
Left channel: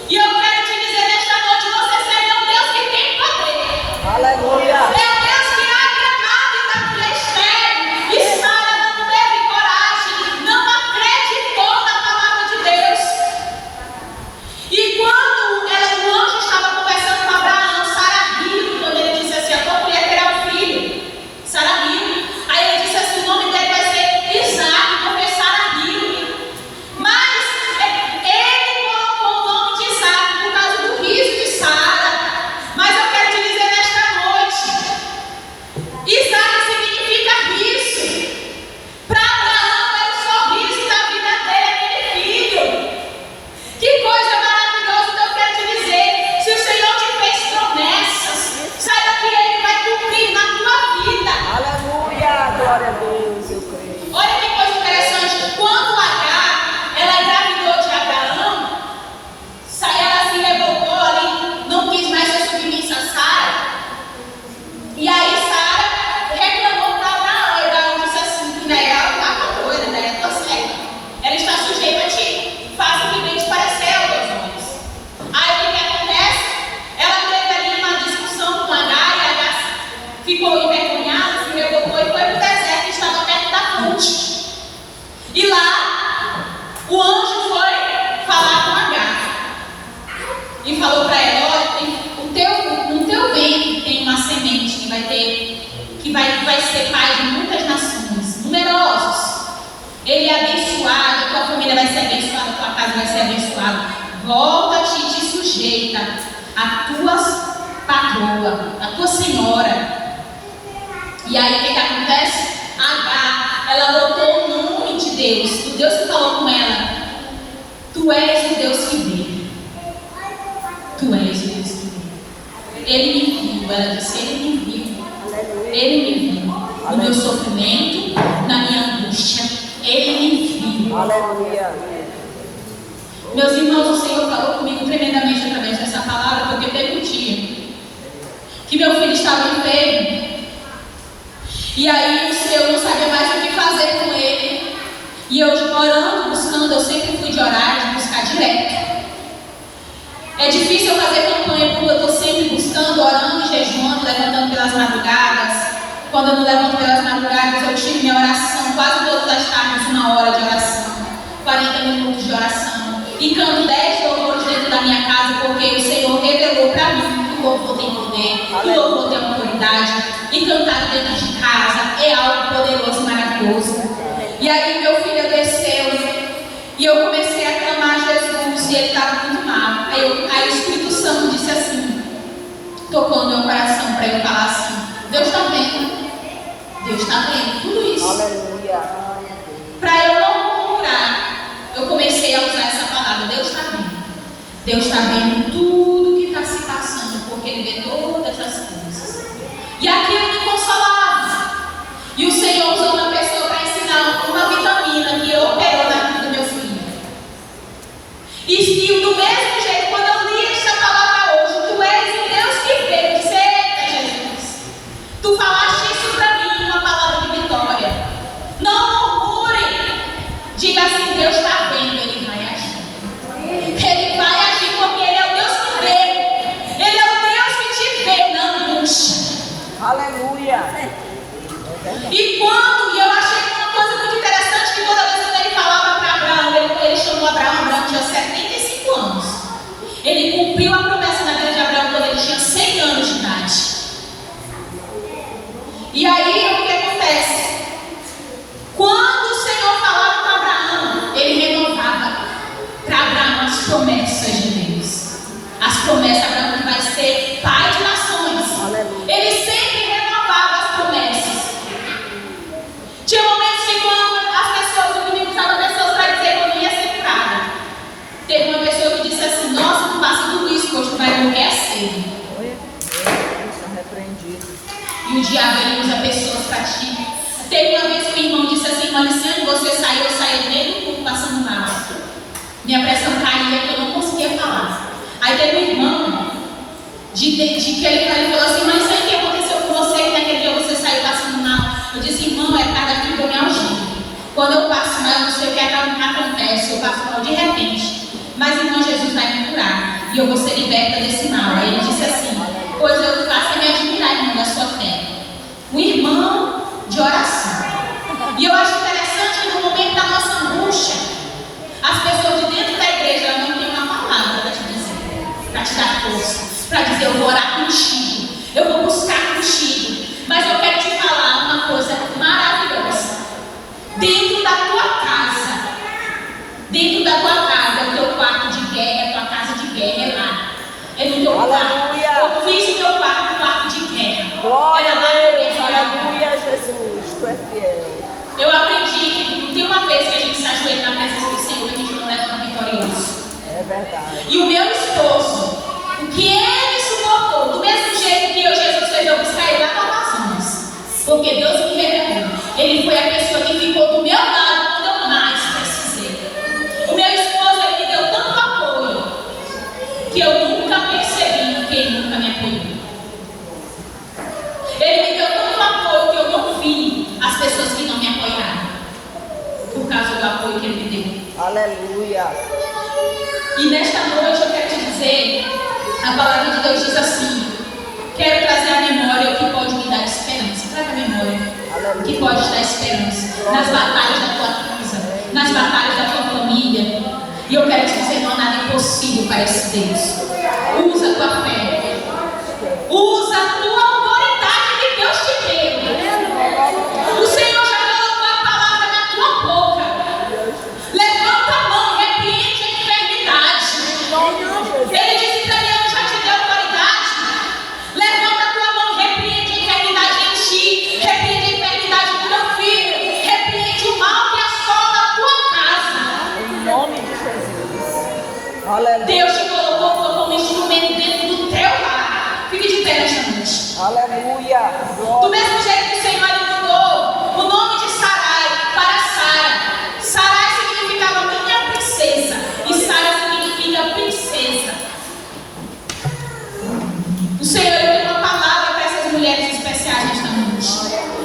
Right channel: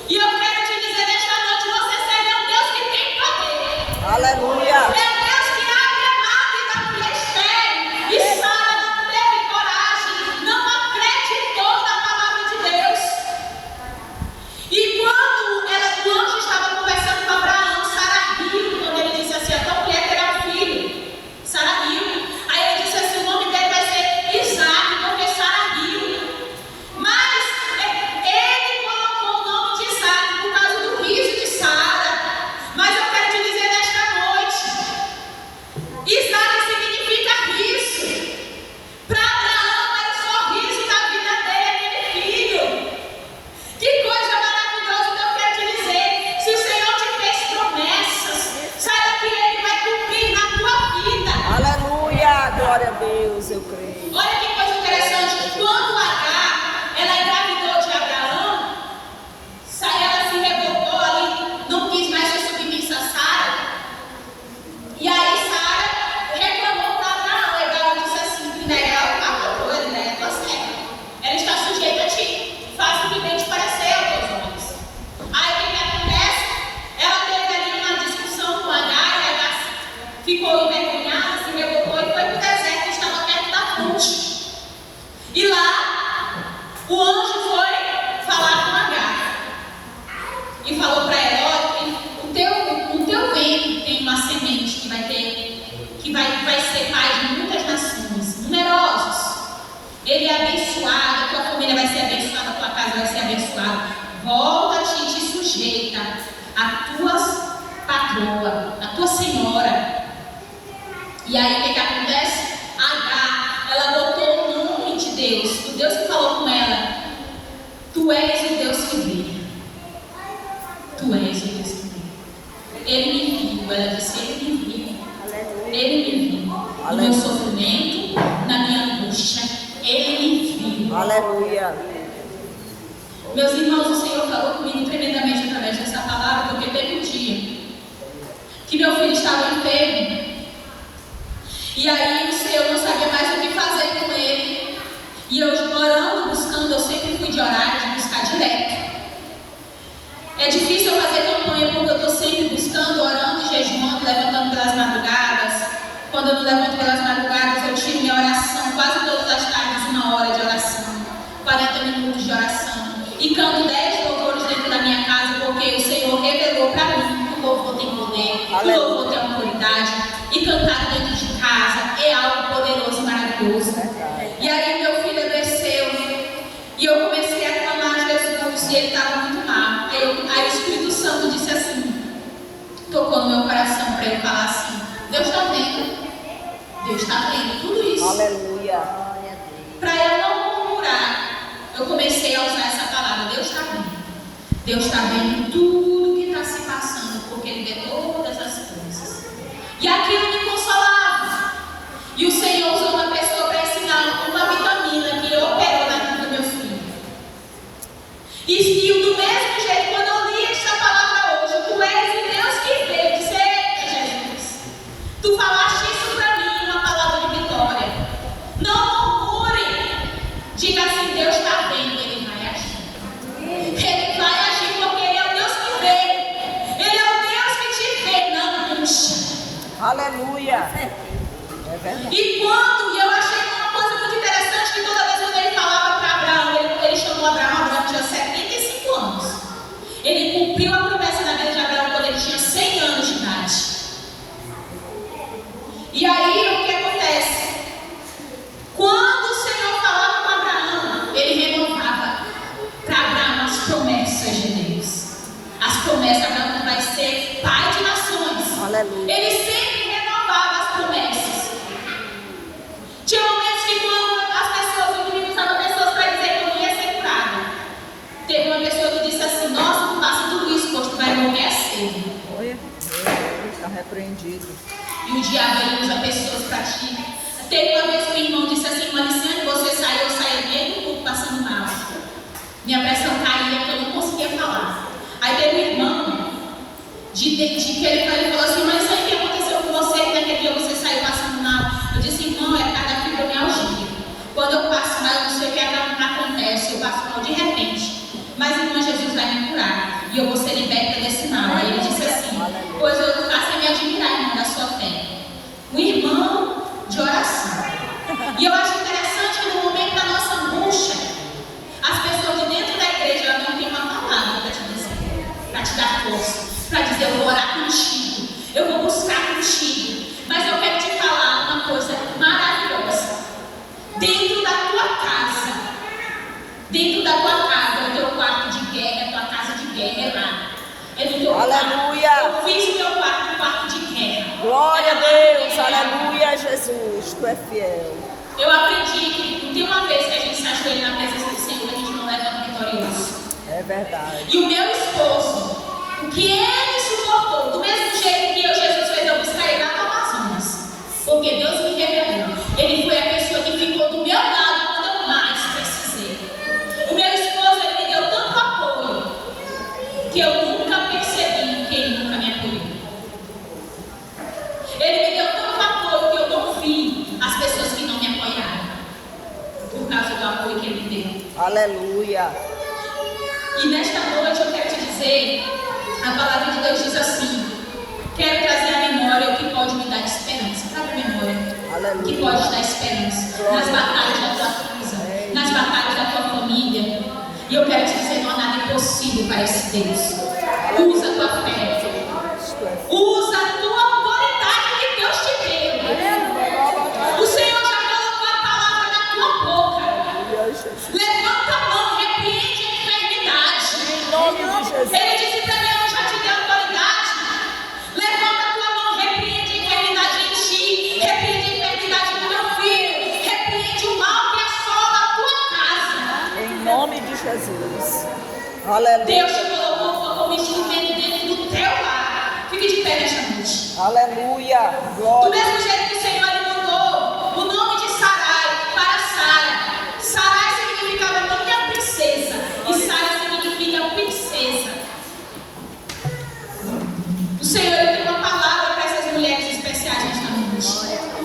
E eu quero te dizer nesta noite, você serve um Deus que tem poder. Aleluia. É um Deus que abre a mão e dá mulher estéril. E Sara não teve coragem, não acreditou na palavra de Deus. E e falou para ela: ó, no teu ventre tem uma semente que vai ser pai de muitas nações, numerosos. Ele é abençoado, a tua família vai ser abençoada, a tua casa vai ser abençoada. Volta-te e te sujeita a tua patroa, a tua senhora. E aí o que acontece? Agar, ela botou o nome de Deus, o Deus que falou com ela: tu és o Deus que vê. Tu és o Deus que vê. Ele me viu, ela disse, ele me viu. Ele me viu. No meu sofrimento, na minha angústia, ele me viu. Aleluia. Meus irmãos, o Senhor falou comigo tremendamente através dessa palavra, porque teve um dia que meu filho estava enfermo. E aí o Senhor não sabia mais o que fazer com ele. E eu orando, buscando, eu sempre fui de orar, de buscar direto. É difícil eu fazer campanha porque eu estou sempre buscando, orando, jejuando, levantando pelas madrugadas. Quando eu não levanto pelas madrugadas, eu tiro minha oração, quase todas as tardes, 1 hora de oração, 40 minutos de oração. E canto 10 louvores dentro da minha casa, porque o Senhor revelou para mim que o louvor tem poder, que o louvor tem autoridade. E cantar dentro de casa é algo poderoso e maravilhoso. E aí meu filho desceu e eu comecei a clamar a Jesus e ele estava muito mal. Aí o Espírito Santo disse assim, tocou no meu coração para eu falar assim: Deus está vendo. Deus está vendo tudo isso. Aleluia. Para eu não murmurar, eu comecei a usar essa palavra: Deus está vendo. Deus está vendo tudo que está se passando, porque Ele vê todas as coisas. E aquilo me consolava. E o Senhor usou uma pessoa para ensinar uma vitamina que operou na vida do meu filho. E do mesmo jeito, quando eu li esta palavra hoje, tu és o Deus que vê. Eu disse: eita, Jesus, tu falaste isso para mim, uma palavra de vitória. Não murmure. Diga assim: Deus está vendo, Ele vai agir. Ele vai agir porque Ele é o Deus que vê. Ele é o Deus que te vê, não murcha. Aleluia. E eu achei uma coisa muito interessante, que toda vez que ele falava para Abraão, ele chamou Abraão tinha 75 anos. Ele cumpriu a promessa na vida de Abraão quando ele tinha 100 anos de idade. E aí o que acontece? Quando o Senhor falava para Abraão, ele renovava para Abraão as promessas de Deus. As promessas, Abraão vai ser pai de nações. Aleluia. Ele sempre renovava as promessas. Tinha momentos que quando as pessoas, o inimigo usava pessoas para dizer que eu não ia ser curada. Teve uma pessoa que disse assim: nossa, tu passa tudo isso, pois tu vai morrer a sede. Oi, está repreendido. E o diabo ele usa pessoas para ti. Teve uma vez que o irmão disse assim: Mariciane, você saiu, eu saí dentro do culto passando mal. Minha pressão caía, que eu não conseguia falar. Aí teve um irmão de que ele falou assim: Mariciane, o que aconteceu com você? Que naquele dia você saiu passando mal. Eu disse: irmão, é cada fibromialgia. Quando eu passo mal, eu não sei o que acontece, eu passo mal de repente. Mas irmão, Jesus vai me curar e eu vou ser liberta desse mal. Aí ele disse assim: pois eu faço me admirar, irmão, da sua fé. Um irmão de oração. E eu acho interessante que no momento da nossa angústia, as pessoas de dentro da igreja, elas não têm uma palavra para te dizer, para te dar força, para dizer: eu vou orar contigo, eu vou buscar contigo. Mas eu quero te falar uma coisa maravilhosa. Dentro da tua casa, é o teu quarto de guerra, é a tua casa de guerra, é lá. É no teu quarto. Aleluia. Eu fiz o meu quarto de guerra. Glória a Era lá de Deus. guerra. Aleluia, Jesus. Tu é fiel. Eu aprendi que tem uma vez que a gente se ajoelha na presença do Senhor, a gente não leva um vitorioso. É verdade. E o meu esposo, o que ele suportou, do mesmo jeito que Jesus fez eu buscar ele lá para Amazonas, porque Deus me revelou. Ele foi a pessoa que ficou do meu lado quando eu mais precisei. O meu esposo, ele me deu tanto apoio que eu nunca percebi que ele nunca me apoiou. Ele me deu tanto apoio que eu não vi as pessoas que não me apoiaram por causa do apoio que ele me deu. Aleluia. E nesta noite eu quero te dizer, a palavra de Deus diz assim: quero trazer à memória o que pode me dar esperança. Traga a memória o que pode te dar esperança nas batalhas da tua casa, nas batalhas da tua família. E eu quero te dizer: não há nada impossível para esse Deus. Ele disse para mim: eu já te dei autoridade. Levanta a tua mão e repreende a enfermidade em ti. Repreende a enfermidade do teu filho. Repreende o mal que assola a tua casa. Em nome de Jesus. Aleluia. Deus te colocou como instrumento dentro do teu lar. Fique de pé nesta noite. Aleluia. Do Glória. mesmo jeito que o Senhor mudou o nome de Sarai para Sara. Sarai significava minha princesa. E Sara significa princesa. O Senhor tem uma palavra para essas mulheres especiais nesta noite.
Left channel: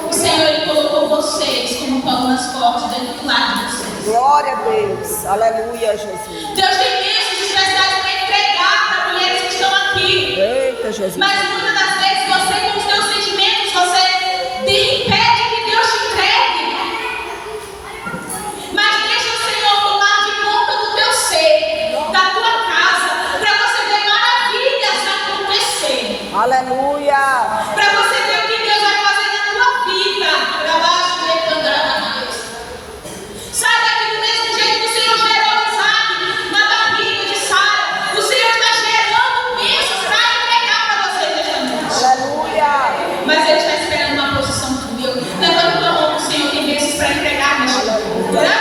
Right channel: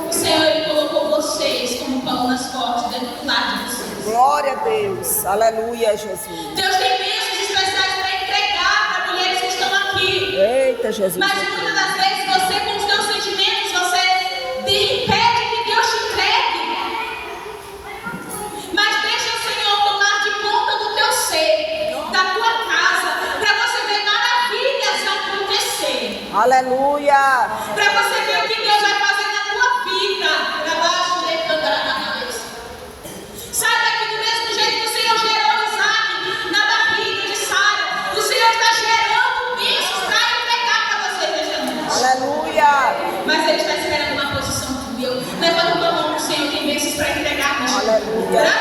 O Senhor ele colocou vocês como palmas fortes dentro do lar de vocês. Glória a Deus. Aleluia, Jesus. Deus tem bênçãos especiais para entregar para mulheres que estão aqui. Eita, Jesus. Mas muitas das vezes você, com os teus sentimentos, você impede que Deus te entregue. Mas deixa o Senhor tomar de conta do teu ser, da tua casa, para você ver maravilhas acontecer. Aleluia. Para você ver o que Deus vai fazer na tua vida. Para baixo de Candarabás. Saiba que do mesmo jeito que o Senhor gerou Isaac na barriga de Sara, o Senhor está gerando bênçãos para entregar para você nesta noite. Aleluia. Mas Ele está esperando uma posição tua. Levanta tua mão, o Senhor tem bênçãos para entregar nesta noite. Aleluia.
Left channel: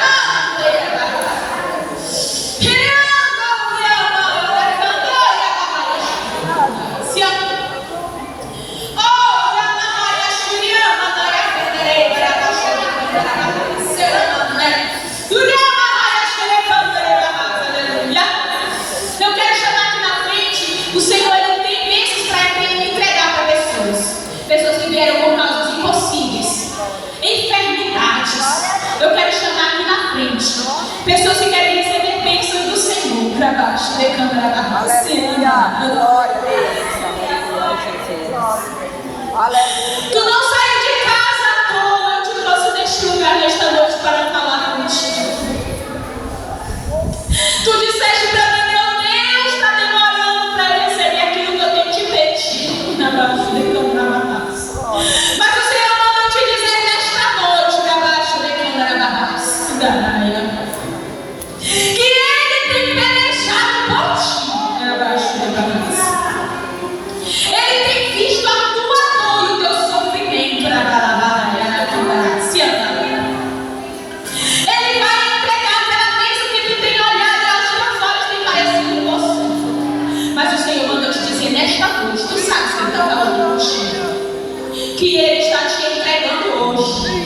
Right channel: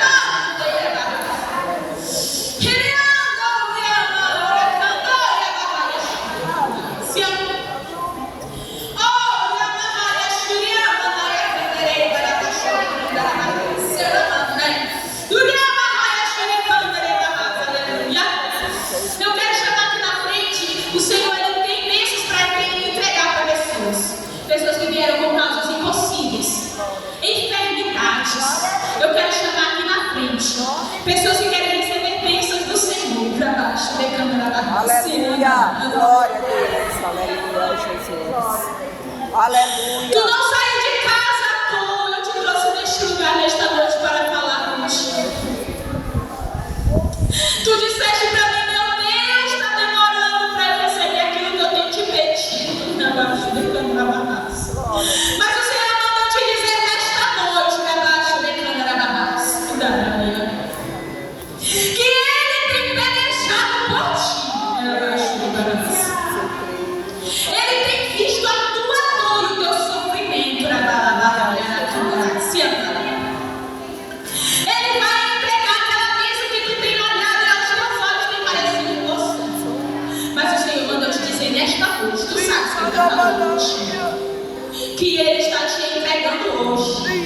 Eu quero chamar aqui na frente. O Senhor ele tem bênçãos para entregar para pessoas. Pessoas que vieram com causas impossíveis, enfermidades. Eu quero chamar aqui na frente. Pessoas que querem receber bênçãos do Senhor. Para baixo, decando a barra. Aleluia. Glória a Deus. Aleluia, Jesus. Aleluia. Tu não saiu de casa à toa. Eu te trouxe neste lugar nesta noite para falar contigo. Tu disseste para mim, meu Deus, está demorando para eu receber aquilo que eu tenho te pedido. Na baixo, decando a barra. Mas o Senhor manda te dizer nesta noite, na baixo, decando a barra. Que Ele tem pelejado por ti. Na baixo, decando a barra. Ele tem visto a tua dor e o teu sofrimento. Ele vai entregar aquela bênção que tu tem olhado e aos teus olhos tem parecido você. Mas o Senhor mandou te dizer nesta noite, tu sabes que Ele está falando contigo, que Ele está te entregando hoje.